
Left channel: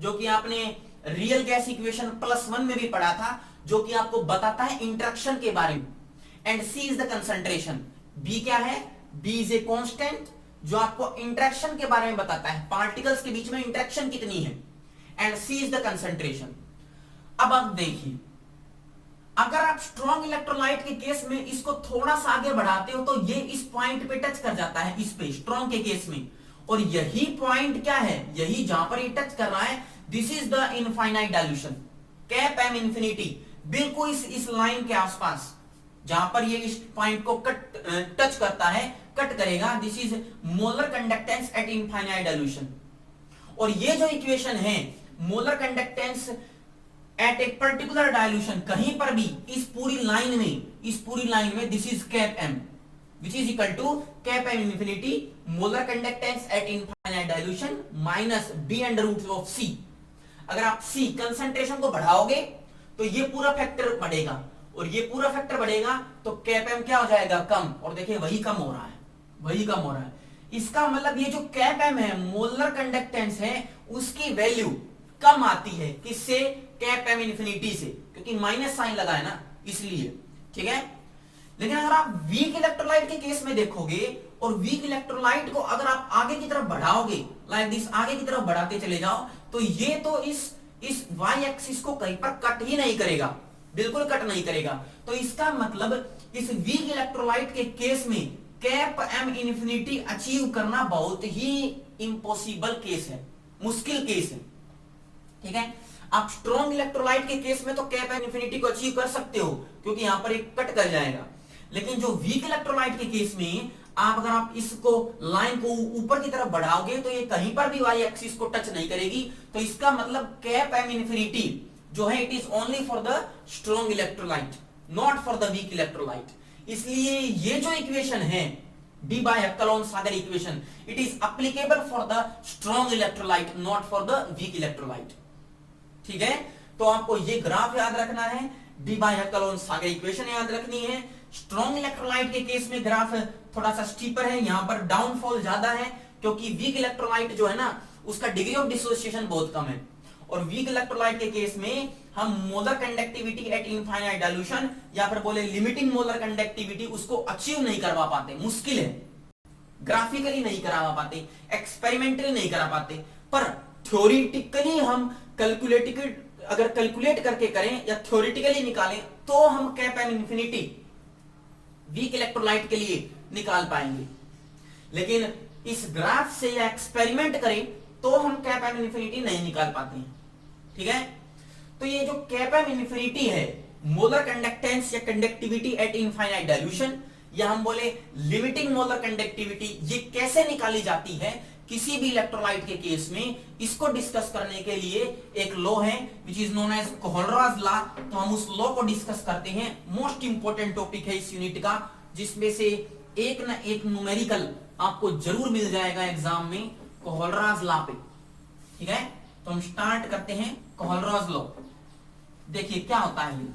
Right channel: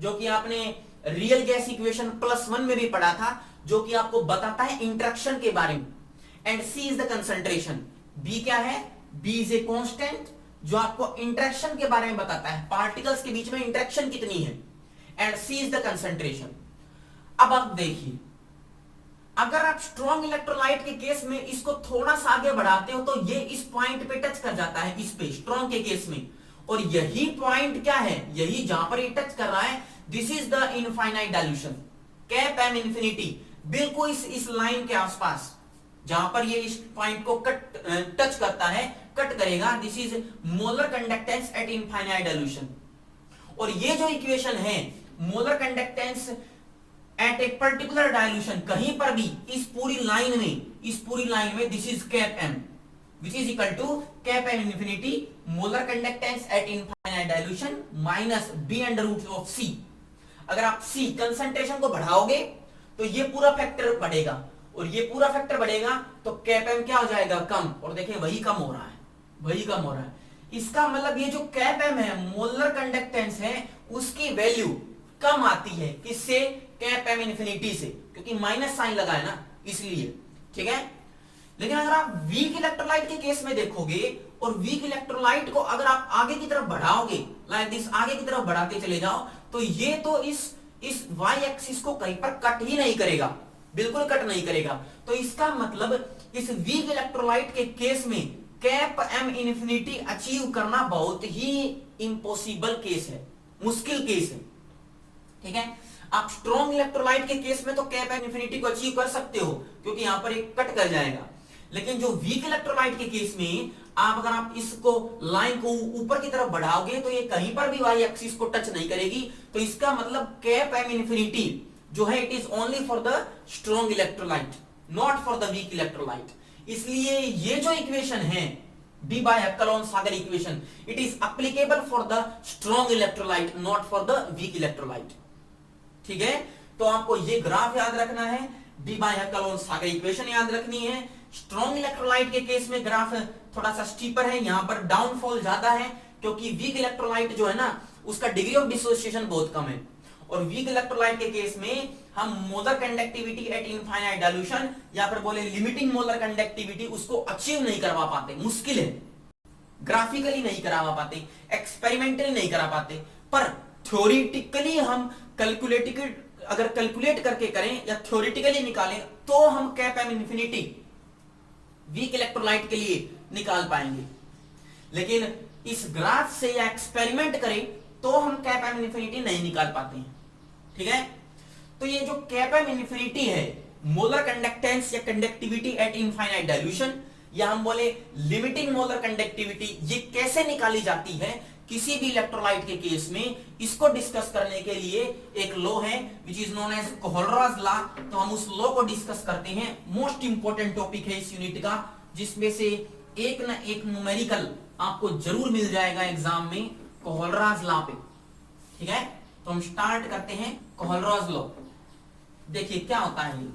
जो कि आपने रियल गैस इक्वेशन +1 में भी पढ़ा था, जो कि आपको बताता है इंटरेक्शन के बारे में. And C is the concentration. B क्या है? B इज ए कांस्टेंट जो आपको इंटरेक्शन के बारे में बताता है, पार्टिकल्स के बीच में इंटरेक्शन कितनी है. And C is the concentration. अब आप देखिए, अगर आप स्ट्रॉन्ग इलेक्ट्रोलाइट के केस में इसको थोड़ा सा आगे बढ़ाते हो तो ये इस पॉइंट पे टच कर जाता है, इस पे स्ट्रॉन्ग के केस में. और यही पॉइंट क्या है? यही जहां पर ये टच कर रहा है, this is the infinite dilution, cap M infinity. बिल्कुल इस लाइन के आसपास जहां पर ये इस पॉइंट को टच करता है, कट करेगा, this is molar conductance at infinite dilution. और ये जो इक्वेशन है molar conductance at a particular dilution, कहीं पर भी इस पूरी लाइन में this is cap M which is equal to cap m infinity molar conductance at infinite dilution minus b under root of c. अगर आप c कंसंट्रेशन को बढ़ाओगे तो ये पूरा फैक्टर बढ़ेगा, और ये पूरा फैक्टर बढ़ेगा तो कैप m क्या हो जाएगा? कम. और देखिए वही कम हो रहा है. इसका मतलब ये जो कैप m है, मोलर कंडक्टेंस है, उसकी वैल्यू कम आती है. किससे? कैप m इंफिनिटी से, क्योंकि माइनस साइन लगा है ना, इसलिए. ठीक है. लेकिन अगर आप वीक इलेक्ट्रोलाइट के केस में देखोगे, और वीक इलेक्ट्रोलाइट को अगर आप आगे की तरफ बढ़ाओगे, लाइक दिस, आगे की तरफ बढ़ाते चले जाओ, तो ये तो इस वाई एक्सिस को कहीं पर कट ही नहीं करेगा, बिल्कुल कट नहीं करेगा. तो इसका मतलब इस वीक इलेक्ट्रोलाइट के केस में कैप एम इंफिनिटी अचीव करना बहुत ही इंपॉसिबल केस है, मुश्किल केस है. ठीक है. आप स्ट्रॉन्ग इलेक्ट्रोलाइट के केस में तो कैप एम इंफिनिटी को अचीव कर सकते हो, क्योंकि यहां पर एक कट कर जाएगा. लेकिन जो वीक इलेक्ट्रोलाइट के केस में अगर आप इसको लाइन को ऊपर की तरफ बढ़ाओगे तो ये कहीं पर भी वाई एक्सिस को टच नहीं करेगी. तो इसका मतलब कैप एम इंफिनिटी जो है, it is only for the strong electrolyte, not for the weak electrolyte. इसलिए ये जो इक्वेशन है Debye Huckel Onsager equation, it is applicable for the strong electrolyte, not for the weak electrolyte. ठीक है. तो आपको ये ग्राफ याद रखना है, डी बाय हैकेलोन-सागर इक्वेशन याद रखनी है. स्ट्रॉन्ग इलेक्ट्रोलाइट के केस में ग्राफ थोड़ा सा स्टीपर है, यहां पर डाउनफॉल ज्यादा है, क्योंकि वीक इलेक्ट्रोलाइट जो है ना, उसका डिग्री ऑफ डिसोसिएशन बहुत कम है. और वीक इलेक्ट्रोलाइट के केस में हम molar conductivity at infinite dilution, या फिर बोले लिमिटिंग मोलर कंडक्टिविटी, उसको अचीव नहीं करवा पाते. मुश्किल है, ग्राफिकली नहीं करवा पाते, एक्सपेरिमेंटली नहीं करा पाते. पर थ्योरेटिकली हम अगर कैलकुलेट करके करें या थ्योरेटिकली निकालें तो हम cap M infinity weak electrolyte के लिए निकाल पाएंगे. लेकिन इस ग्राफ से या एक्सपेरिमेंट करें तो हम कैप एम इंफिनिटी नहीं निकाल पाते हैं. ठीक है. तो ये जो कैप एम इंफिनिटी है, मोलर कंडक्टेंस या कंडक्टिविटी एट इनफाइनाइट डाइल्यूशन, या हम बोले लिमिटिंग मोलर कंडक्टिविटी, ये कैसे निकाली जाती है किसी भी इलेक्ट्रोलाइट के केस में, इसको डिस्कस करने के लिए एक लॉ है which is known as Kohlrausch law. तो हम उस लॉ को डिस्कस करते हैं. मोस्ट इंपोर्टेंट टॉपिक है इस यूनिट का, जिसमें से एक ना एक न्यूमेरिकल आपको जरूर मिल जाएगा एग्जाम में कोहलराज लॉ पे. ठीक है. तो हम स्टार्ट करते हैं कोहलराज लॉ. देखिए क्या होता है ये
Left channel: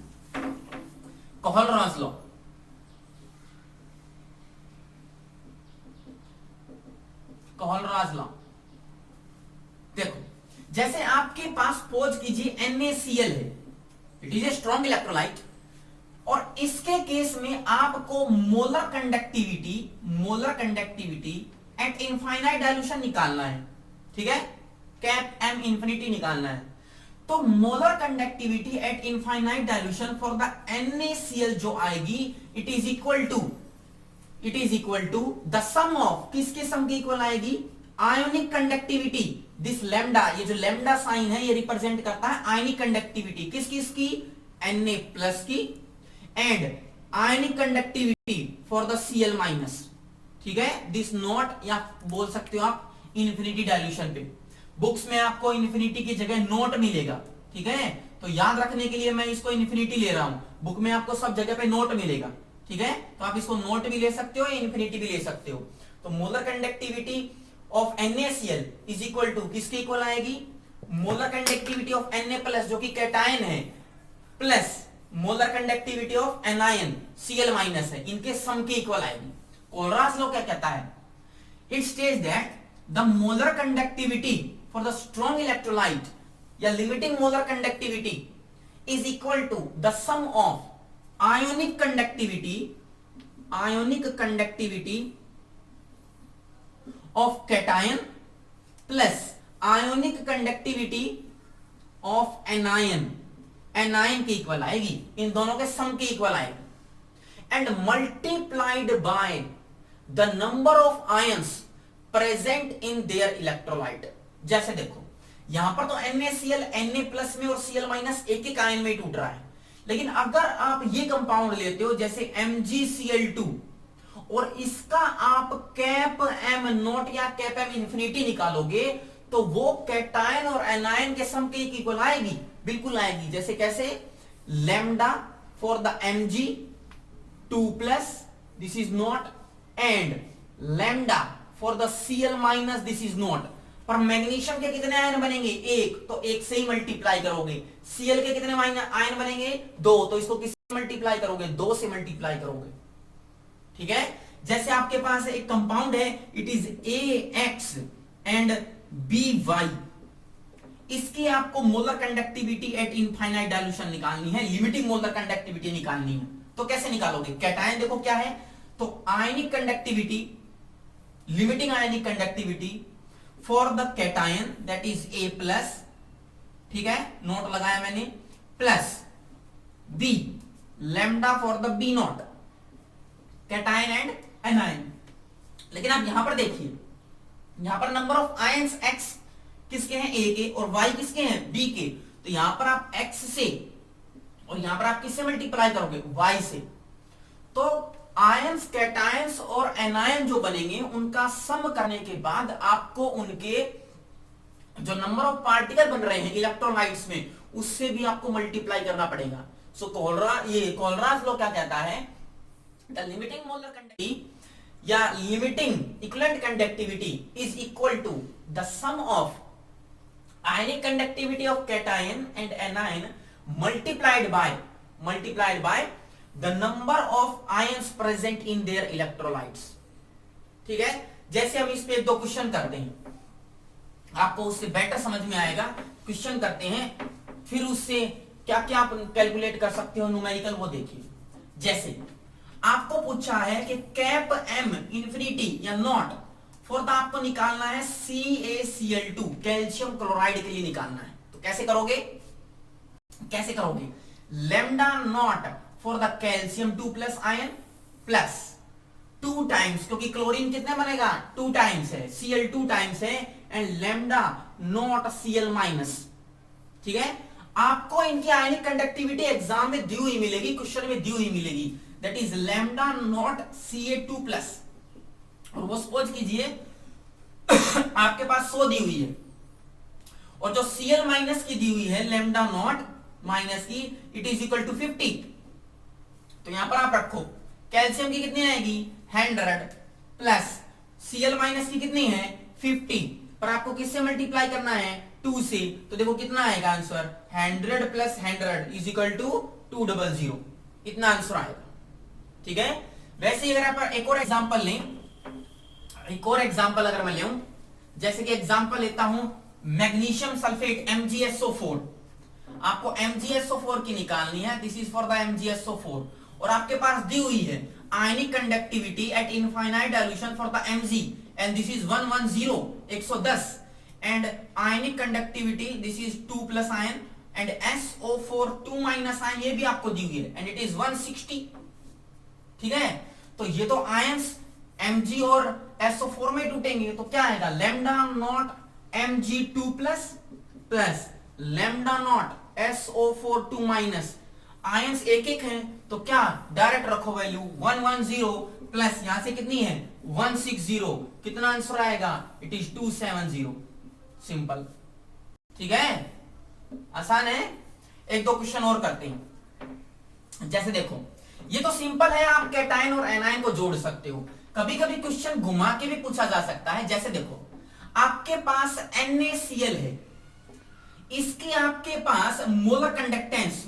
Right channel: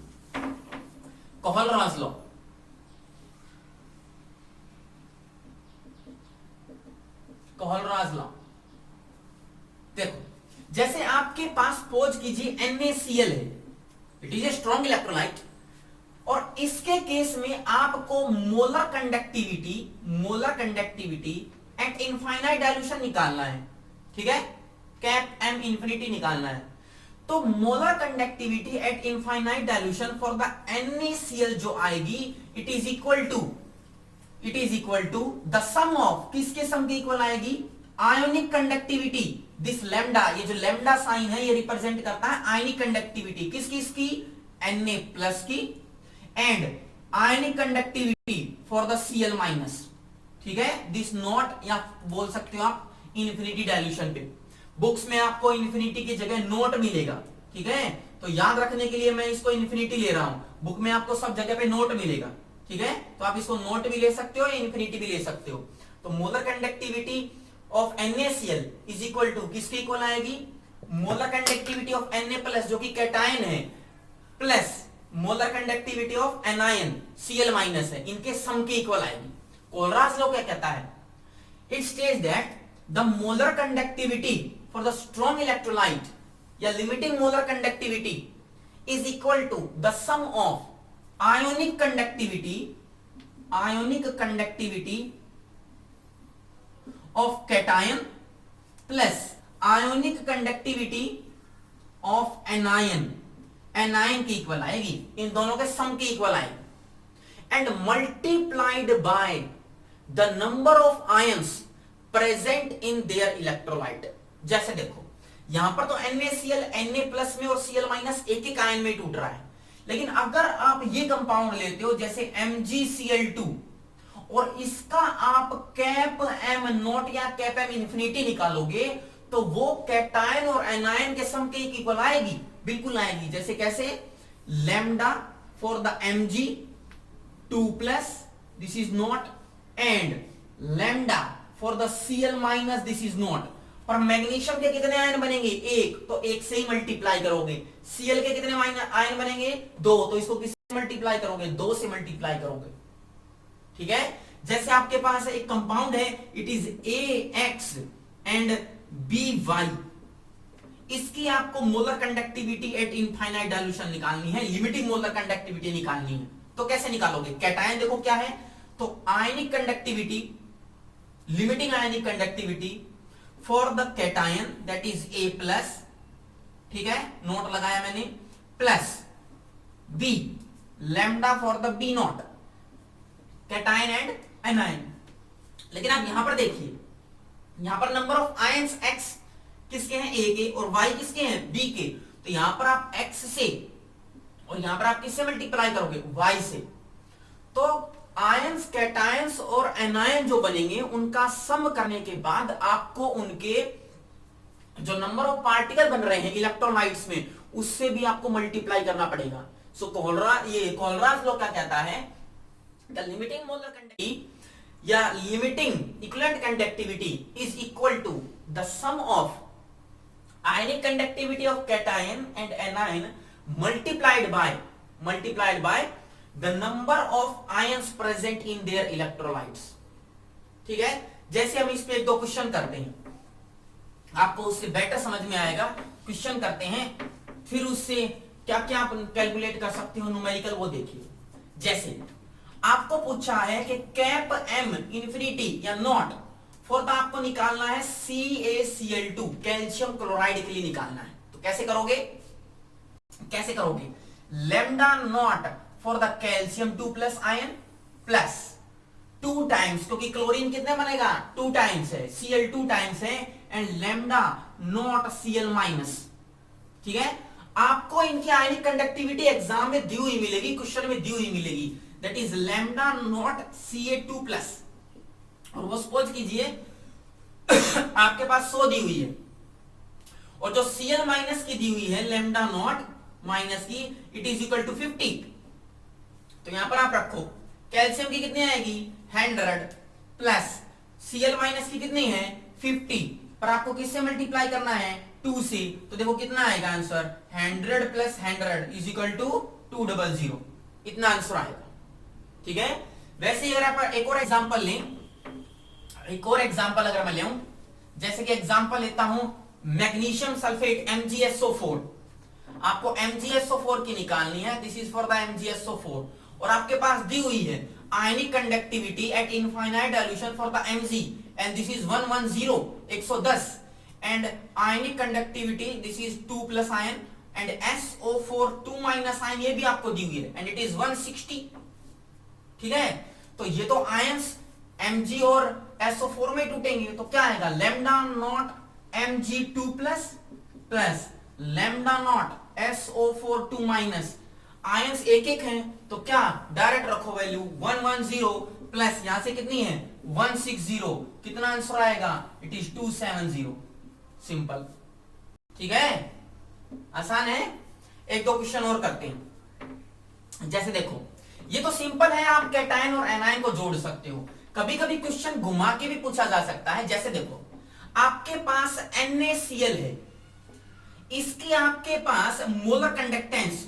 कोहलराज लॉ. कोहलराज लॉ देखो, जैसे आपके पास सपोज कीजिए NaCl है, it is a strong electrolyte, और इसके केस में आपको molar conductivity at infinite dilution निकालना है. ठीक है. कैप एम इंफिनिटी निकालना है. तो molar conductivity at infinite dilution for the NaCl जो आएगी, it is equal to the sum of, किसके सम के इक्वल आएगी? आयोनिक कंडक्टिविटी, दिस लैम्डा, ये जो लैम्डा साइन है ये रिप्रेजेंट करता है आयोनिक कंडक्टिविटी, किसकी? Na प्लस की, and ionic conductivity for the Cl minus. ठीक है. दिस नॉट, या बोल सकते हो आप इन्फिनिटी डाइल्यूशन पे. बुक्स में आपको इन्फिनिटी की जगह नोट मिलेगा. ठीक है. तो याद रखने के लिए मैं इसको इन्फिनिटी ले रहा हूं, बुक में आपको सब जगह पे नोट मिलेगा. ठीक है, तो आप इसको नोट भी ले सकते हो या इन्फिनिटी भी ले सकते हो। तो molar conductivity of NaCl is equal to किसके इक्वल आएगी, मोलर कंडक्टिविटी ऑफ Na+ जो कि कैटायन है, plus molar conductivity of anion Cl- है, इनके सम के इक्वल आएगी। कोलराज लॉ क्या कहता है, it states that the molar conductivity for the strong electrolyte या limiting molar conductivity is equal to the sum of ionic conductivity of cation plus ionic conductivity of anion के इक्वल आएगी, इन दोनों के सम के इक्वल आएगी। And multiplied by the number of ions present in their electrolyte. जैसे देखो यहां पर तो NaCl Na+ में और Cl- एक आयन में टूट रहा है, लेकिन अगर आप ये कंपाउंड लेते हो जैसे MgCl2 और इसका आप कैप M0 या कैप M इंफिनिटी निकालोगे तो वो कैटायन और एनायन के सम के इक्वल आएगी, बिल्कुल आएगी। जैसे कैसे, lambda for the Mg2+, this is not, and lambda for the Cl-, this is not. पर मैग्नीशियम के कितने आयन बनेंगे, एक, तो एक से ही मल्टीप्लाई करोगे। Cl के कितने आयन बनेंगे, दो, तो इसको किससे मल्टीप्लाई करोगे, दो से मल्टीप्लाई करोगे। ठीक है, जैसे आपके पास एक कंपाउंड है, it is AX and BY, इसकी आपको molar conductivity at infinite dilution निकालनी है, लिमिटिंग मोलर कंडक्टिविटी निकालनी है। तो कैसे निकालोगे, कैटायन देखो क्या है, तो ionic conductivity, limiting ionic conductivity for the cation that is A+, ठीक है, नोट लगाया मैंने, plus B, lambda for the B0, cation and anion. लेकिन आप यहां पर देखिए, यहां पर नंबर ऑफ आयंस X किसके हैं, A के, और Y किसके हैं, B के। तो यहां पर आप X से और यहां पर आप किससे मल्टीप्लाई करोगे, Y से। तो आयंस, कैटायंस और एनायन जो बनेंगे उनका सम करने के बाद आपको उनके जो नंबर ऑफ पार्टिकल बन रहे हैं इलेक्ट्रोलाइट्स में, उससे भी आपको मल्टीप्लाई करना पड़ेगा। सो कोलराज लॉ क्या कहता है, द लिमिटिंग मोलर कंडक्टिविटी या limiting equivalent conductivity is equal to the sum of ionic conductivity of cation and anion multiplied by the number of ions present in their electrolytes. ठीक है, जैसे हम इस पे एक दो क्वेश्चन करते हैं, आपको उससे बेटर समझ में आएगा। क्वेश्चन करते हैं, फिर उससे क्या क्या आप कैलकुलेट कर सकते हो न्यूमेरिकल, वो देखिए। जैसे आपको पूछा है कि कैप M इंफिनिटी या नॉट फॉर द आपको निकालना है CaCl2, कैल्शियम क्लोराइड के लिए निकालना है। तो कैसे करोगे, lambda naught for the calcium 2+ ion plus 2 times, क्योंकि क्लोरीन कितने बनेगा, 2 टाइम्स है, Cl 2 टाइम्स है, एंड लैम्डा नॉट Cl-। ठीक है, आपको इनकी आयनिक कंडक्टिविटी एग्जाम में दी हुई मिलेगी, क्वेश्चन में दी हुई मिलेगी, that is lambda naught Ca2+, और वो सपोज कीजिए आपके पास 100 दी हुई है, और जो Cl- की दी हुई है लैम्डा नॉट माइनस की, इट इज इक्वल टू 50। तो यहां पर आप रखो, कैल्शियम की कितनी आएगी 100 प्लस Cl- की कितनी है 50, पर आपको किससे मल्टीप्लाई करना है 2 से। तो देखो कितना आएगा answer, 100 plus 100 is equal to 200, इतना आंसर आएगा। ठीक है, वैसे ही अगर आप एक और एग्जांपल लें, एक और एग्जांपल अगर मैं लूं, जैसे कि एग्जांपल लेता हूं मैग्नीशियम सल्फेट MgSO4, आपको MgSO4 की निकालनी है, this is for the MgSO4, और आपके पास दी हुई है ionic conductivity at infinite dilution for the Mg, and this is 110 and ionic conductivity this is 2+ ion, and SO4 2- ion ये भी आपको दी हुई है, एंड इट इज 160। ठीक है, तो ये तो आयंस Mg और SO4 में टूटेंगे, तो क्या आएगा, lambda naught Mg2+ plus lambda naught SO4 2-, ions एक एक हैं, तो क्या डायरेक्ट रखो वैल्यू 110 प्लस यहां से कितनी है 160, कितना आंसर आएगा, इट इज 270। सिंपल, ठीक है, आसान है। एक दो क्वेश्चन और करते हैं। जैसे देखो ये तो सिंपल है, आप कैटायन और एनायन को जोड़ सकते हो। कभी कभी क्वेश्चन घुमा के भी पूछा जा सकता है, जैसे देखो आपके पास NaCl है, इसके आपके पास molar conductance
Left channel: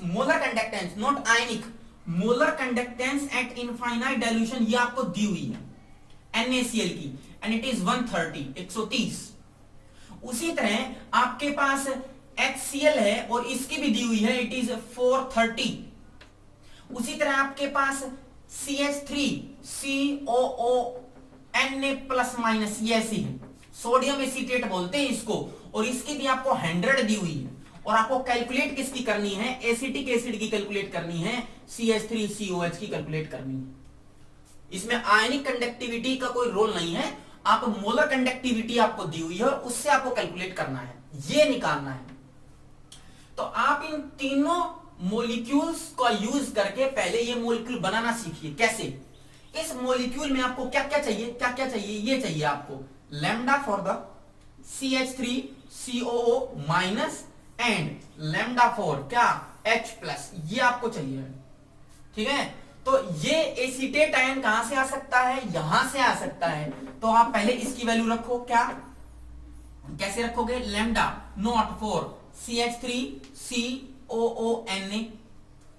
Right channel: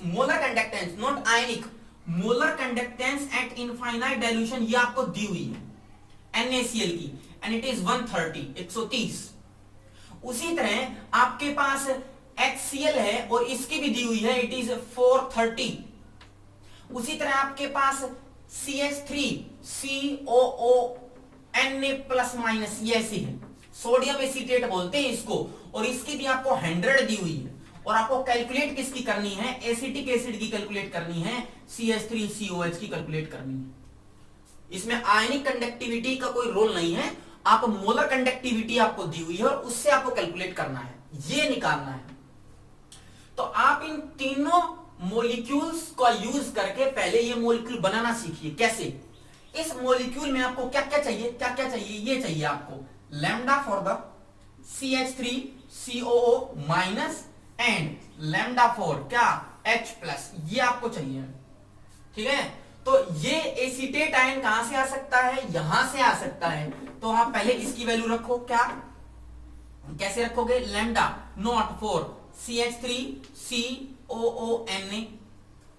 not ionic, molar conductance at infinite dilution ये आपको दी हुई है NaCl की, एंड इट इज 130। उसी तरह आपके पास HCl है और इसकी भी दी हुई है, इट इज 430। उसी तरह आपके पास CH3COO Na प्लस माइनस ये ऐसी है, सोडियम एसीटेट बोलते हैं इसको, और इसकी भी आपको 100 दी हुई है। और आपको कैलकुलेट किसकी करनी है, एसिटिक एसिड की कैलकुलेट करनी है, CH3COH की कैलकुलेट करनी है। इसमें आयनिक कंडक्टिविटी का कोई रोल नहीं है, आप मोलर कंडक्टिविटी आपको दी हुई है और उससे आपको कैलकुलेट करना है, ये निकालना है। तो आप इन तीनों मॉलिक्यूल्स का यूज करके पहले ये मॉलिक्यूल बनाना सीखिए। कैसे? इस मॉलिक्यूल में आपको क्या क्या चाहिए, ये चाहिए आपको lambda for the CH3COO minus and lambda for क्या H प्लस, ये आपको चाहिए। ठीक है, तो ये एसीटेट आयन कहां से आ सकता है, यहां से आ सकता है। तो आप पहले इसकी वैल्यू रखो, क्या कैसे रखोगे, लैम्डा नॉट फॉर CH3COONA।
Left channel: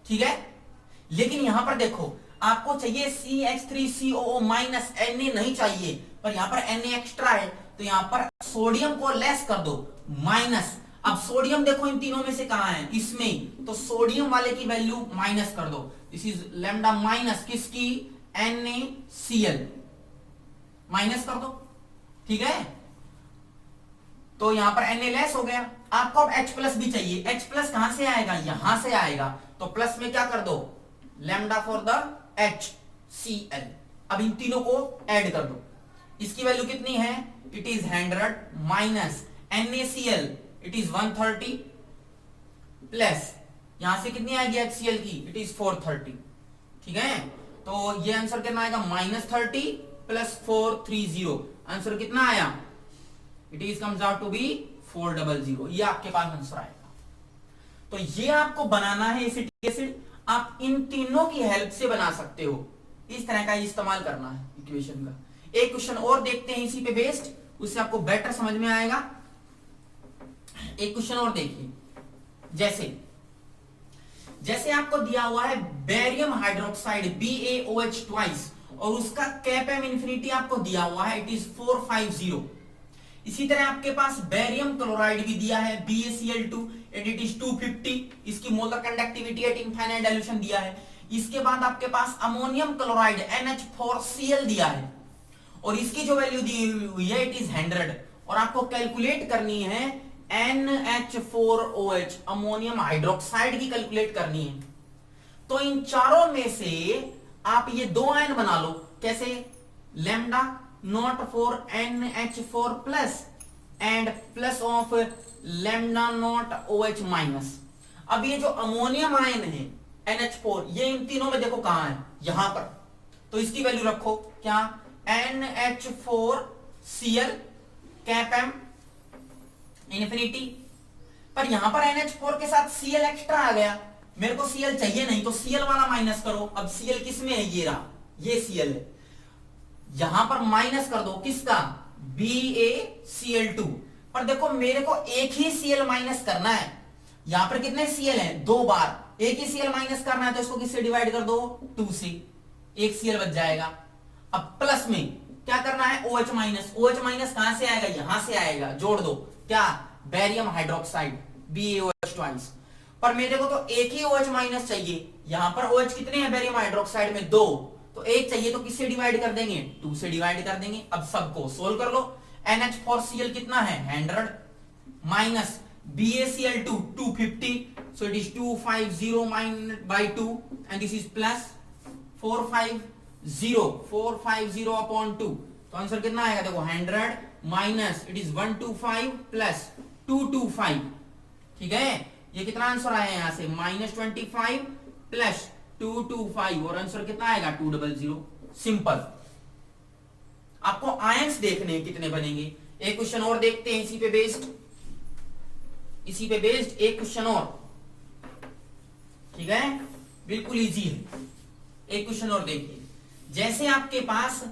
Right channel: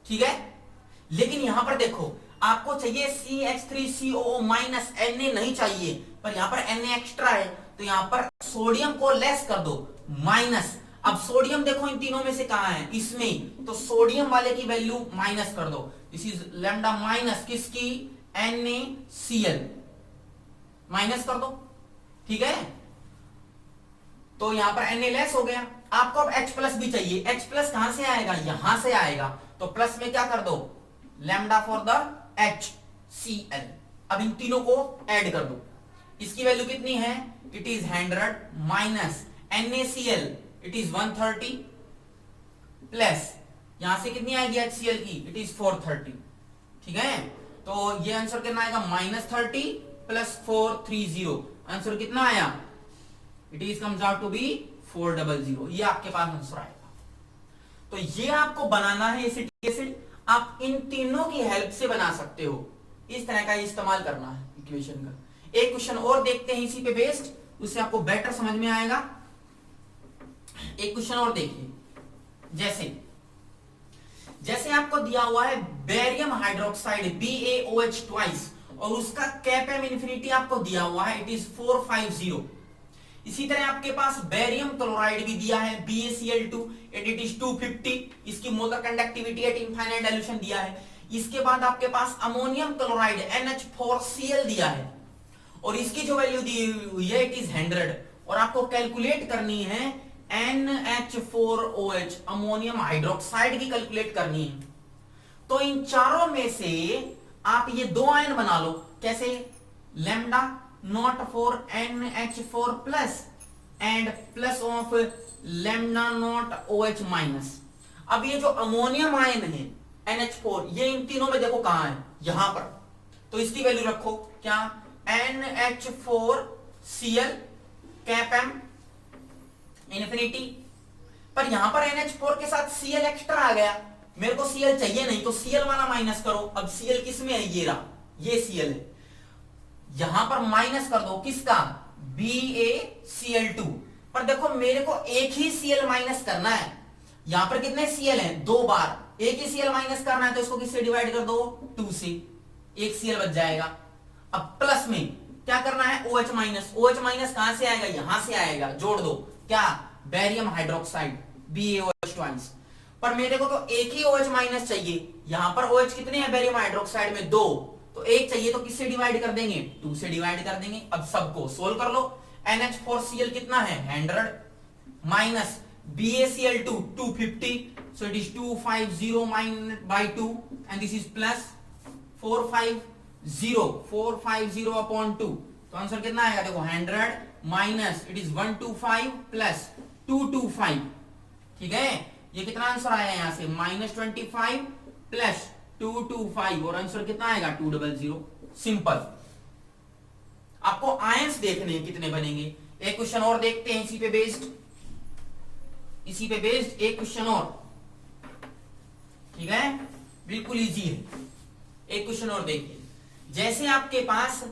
ठीक है, लेकिन यहां पर देखो आपको चाहिए CH3COO माइनस Na नहीं चाहिए, पर यहां पर Na एक्स्ट्रा है, तो यहां पर सोडियम को लेस कर दो माइनस। अब सोडियम देखो इन तीनों में से कहां है, इसमें, तो सोडियम वाले की वैल्यू माइनस कर दो। दिस इज लैम्डा माइनस किसकी, NaCl माइनस कर दो। ठीक है, तो यहां पर Na लेस हो गया। आपको अब H प्लस भी चाहिए, H प्लस कहां से आएगा, यहां से आएगा, तो प्लस में क्या कर दो, लैम्डा फॉर द HCl। अब इन तीनों को ऐड कर दो, इसकी वैल्यू कितनी है, it is 100 minus NaCl it is 130 plus यहां से कितनी आएगी HCl की, इट इज 430। ठीक है, तो ये आंसर कितना आएगा, -30 प्लस 430, आंसर कितना आया, it is comes out to be 400। ये आपके पास आंसर आएगा। तो ये आपको बनाना है एसिटिक एसिड, आप इन तीनों की हेल्प से बना सकते हो, इस तरह का इस्तेमाल करना है इक्वेशन का। एक क्वेश्चन और देखते हैं इसी पे बेस्ड, उससे आपको बेटर समझ में आएगा। एक क्वेश्चन और देखिए, जैसे आपको दिया हुआ है बेरियम हाइड्रोक्साइड BaOH ट्वाइस, और उसका कैपम इन्फिनिटी आपको दिया हुआ है, इट इज 450। इसी तरह आपके पास बेरियम क्लोराइड भी दिया है BaCl2 एंड इट इज 250, इसकी molar conductivity at infinite dilution दिया है। इसके बाद आपके पास अमोनियम क्लोराइड NH4Cl दिया है, और इसकी जो वैल्यू दी हुई है, इट इज 100, और आपको कैलकुलेट करनी है NH4OH अमोनियम हाइड्रोक्साइड की कैलकुलेट करनी है। तो इन चारों में से आप ये दो आयन बना लो, कैसे, lambda naught for NH4 plus and plus of lambda naught OH minus. अब ये जो अमोनियम आयन है NH4, ये इन तीनों में देखो कहां है, यहां पर, तो इसकी वैल्यू रखो, क्या, NH4Cl कैपम इन्फिनिटी। पर यहां पर NH4 के साथ Cl एक्स्ट्रा आ गया, मेरे को Cl चाहिए नहीं, तो Cl वाला माइनस करो। अब Cl किस में है, ये रहा, ये Cl है, यहां पर माइनस कर दो, किसका, BaCl2। पर देखो मेरे को एक ही Cl माइनस करना है, यहां पर कितने Cl हैं, दो बार, एक ही Cl माइनस करना है, तो इसको किससे डिवाइड कर दो, 2 से, एक Cl बच जाएगा। अब प्लस में क्या करना है, OH माइनस, OH माइनस कहां से आएगा, यहां से आएगा, जोड़ दो, क्या, बेरियम हाइड्रोक्साइड BaOH ट्वाइस। पर मेरे को तो एक ही OH माइनस चाहिए, यहां पर OH कितने हैं बेरियम हाइड्रोक्साइड में, 2, तो एक चाहिए, तो किससे डिवाइड कर देंगे, 2 से डिवाइड कर देंगे। अब सबको सोल्व कर लो, NH4Cl कितना है, 100 minus BaCl2 250, so it is 250 minus by 2 and this is plus 450 upon 2, तो आंसर कितना आएगा, देखो 100 माइनस इट इज 125 प्लस 225। ठीक है, ये कितना आंसर आया यहां से, -25 प्लस 225, और आंसर कितना आएगा, 200। सिंपल। आपको आयंस देखने कितने बनेंगे। एक क्वेश्चन और देखते हैं इसी पे बेस्ड एक क्वेश्चन और, ठीक है, बिल्कुल इजी है। एक क्वेश्चन और देखिए, जैसे आपके पास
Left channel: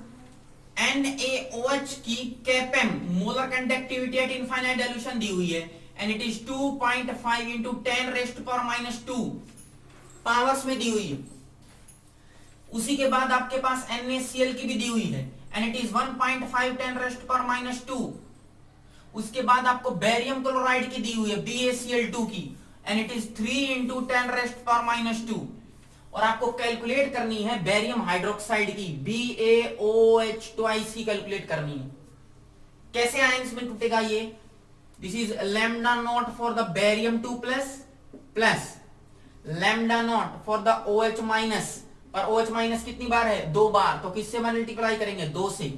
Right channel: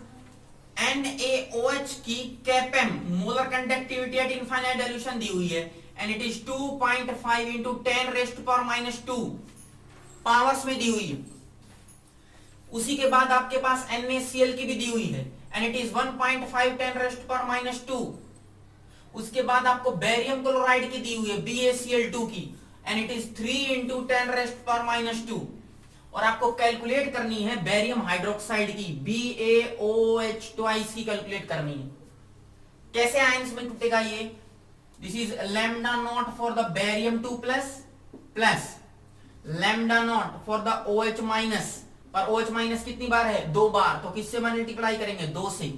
NaOH की कैपेम molar conductivity at infinite dilution दी हुई है and it is 2.5 into 10⁻⁻² powers में दी हुई है। उसी के बाद आपके पास NaCl की भी दी हुई है एंड इट इज 1.5 10⁻²। उसके बाद आपको बेरियम क्लोराइड की दी हुई है BaCl2 की एंड इट इज 3 इंटू 10⁻²। और आपको कैलकुलेट करनी है बेरियम हाइड्रोक्साइड की BaOH ट्वाइस की कैलकुलेट करनी है। कैसे आयंस में टूटेगा ये? This is lambda naught for the barium 2 plus lambda naught for the OH minus. और OH माइनस कितनी बार है? 2 बार, तो किससे मल्टीप्लाई करेंगे? 2 से।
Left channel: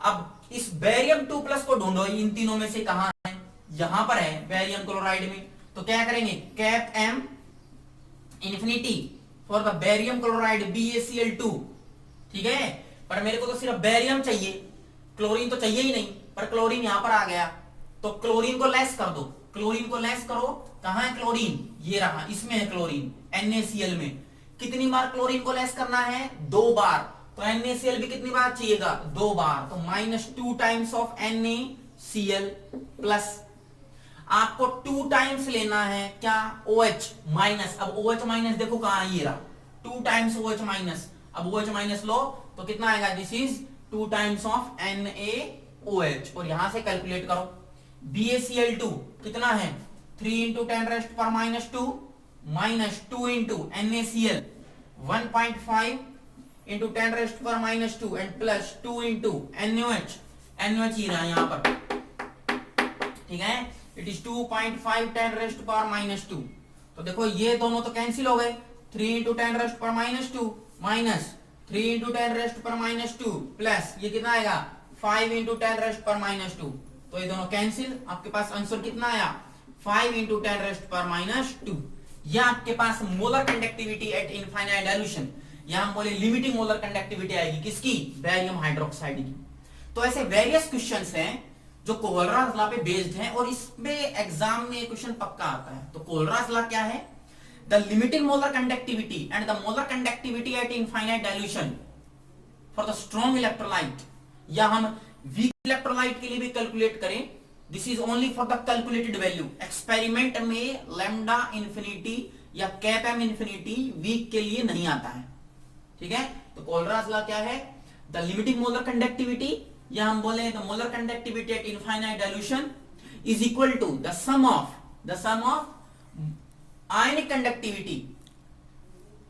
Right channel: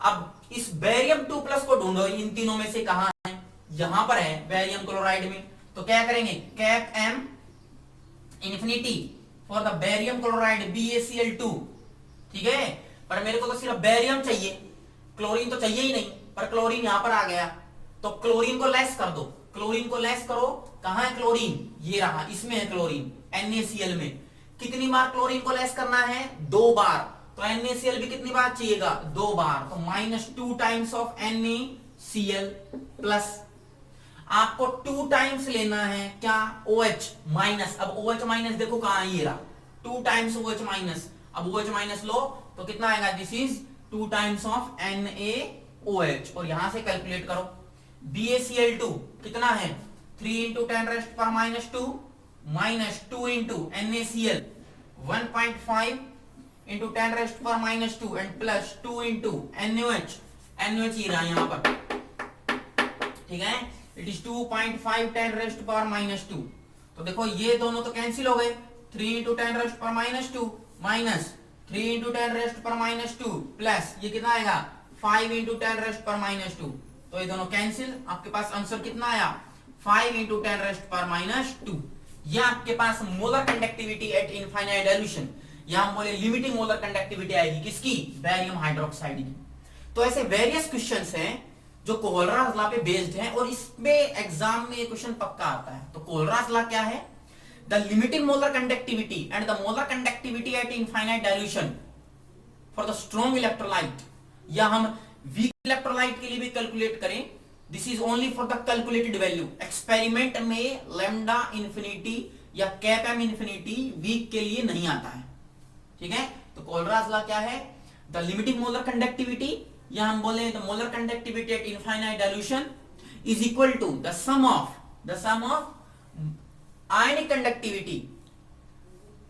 अब इस बेरियम 2 प्लस को ढूंढो, इन तीनों में से कहां है? यहां पर है बेरियम क्लोराइड में। तो क्या करेंगे? Cap M infinity for the barium chloride BaCl2, ठीक है। पर मेरे को तो सिर्फ बेरियम चाहिए, क्लोरीन तो चाहिए ही नहीं, पर क्लोरीन यहां पर आ गया, तो क्लोरीन को लेस कर दो। क्लोरीन को लेस करो, कहां है क्लोरीन? ये रहा, इसमें है क्लोरीन NaCl में। कितनी बार क्लोरीन को लेस करना है? 2 बार। तो NaCl भी कितनी बार चाहिएगा? 2 बार। तो -2 टाइम्स ऑफ NaCl प्लस आपको 2 टाइम्स लेना है क्या? OH minus. अब OH माइनस देखो कहां है, ये रहा, 2 टाइम्स OH माइनस। अब OH माइनस लो तो कितना आएगा? This is 2 times of NaOH। और यहां से कैलकुलेट करो। BaCl2 कितना है? 3 into 10⁻² minus 2 into NaCl 1.5 into 10⁻² and plus 2 into NaOH। NaOH ही रहा यहां पर, ठीक है। It is 2.5 10⁻²। तो देखो ये दोनों तो कैंसिल हो गए। 3 इंटू 10⁻² माइनस 3 इंटू 10⁻² प्लस ये कितना आएगा? 5 इंटू 10⁻²। तो ये दोनों कैंसिल। आपके पास आंसर कितना आया? 5 इंटू 10⁻²। यह आपके पास molar conductivity at infinite dilution. यहां बोले लिमिटिंग मोलर कंडक्टिविटी आएगी किसकी? बेरियम हाइड्रोक्साइड की। तो ऐसे वेरियस क्वेश्चंस हैं जो कोलराज लॉ पे बेस्ड है और इसमें एग्जाम में क्वेश्चन पक्का आता है। तो कोलराज लॉ क्या है? The limiting molar conductivity and the molar conductivity at infinite dilution for the strong electrolyte, या हम वीक इलेक्ट्रोलाइट के लिए भी कैलकुलेट करें, this is only for the calculated value. Experiment में लैम्डा इंफिनिटी या कैप M इंफिनिटी वीक के लिए नहीं आता है, ठीक है। तो कोलराज लॉ क्या है? द लिमिटिंग मोलर कंडक्टिविटी, या हम बोले the molar conductivity at infinite dilution is equal to the sum of ionic conductivity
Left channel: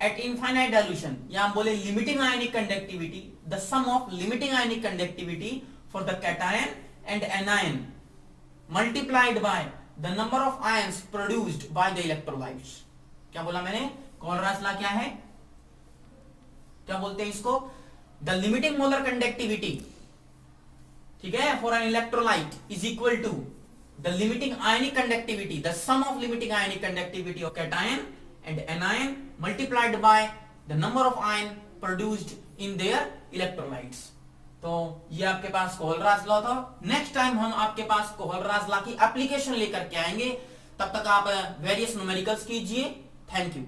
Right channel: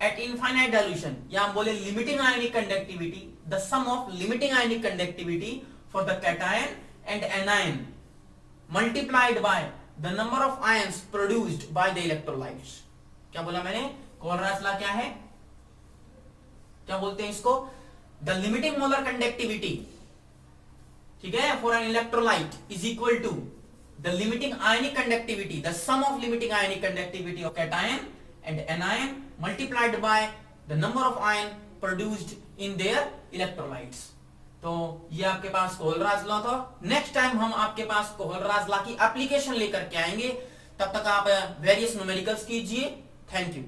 at infinite dilution, या हम बोले limiting ionic conductivity, the sum of limiting ionic conductivity for the cation and anion multiplied by the number of ions produced by the electrolytes. क्या बोला मैंने? कोलराज लॉ क्या है? क्या बोलते हैं इसको? द लिमिटिंग मोलर कंडक्टिविटी, ठीक है, for an electrolyte is equal to the limiting ionic conductivity, the sum of limiting ionic conductivity of cation and anion multiplied by the number of ion produced in their electrolytes. तो ये आपके पास कोलराज लॉ था। नेक्स्ट टाइम हम आपके पास कोलराज लॉ की एप्लीकेशन लेकर के आएंगे। तब तक आप वेरियस न्यूमेरिकल्स कीजिए। Thank you.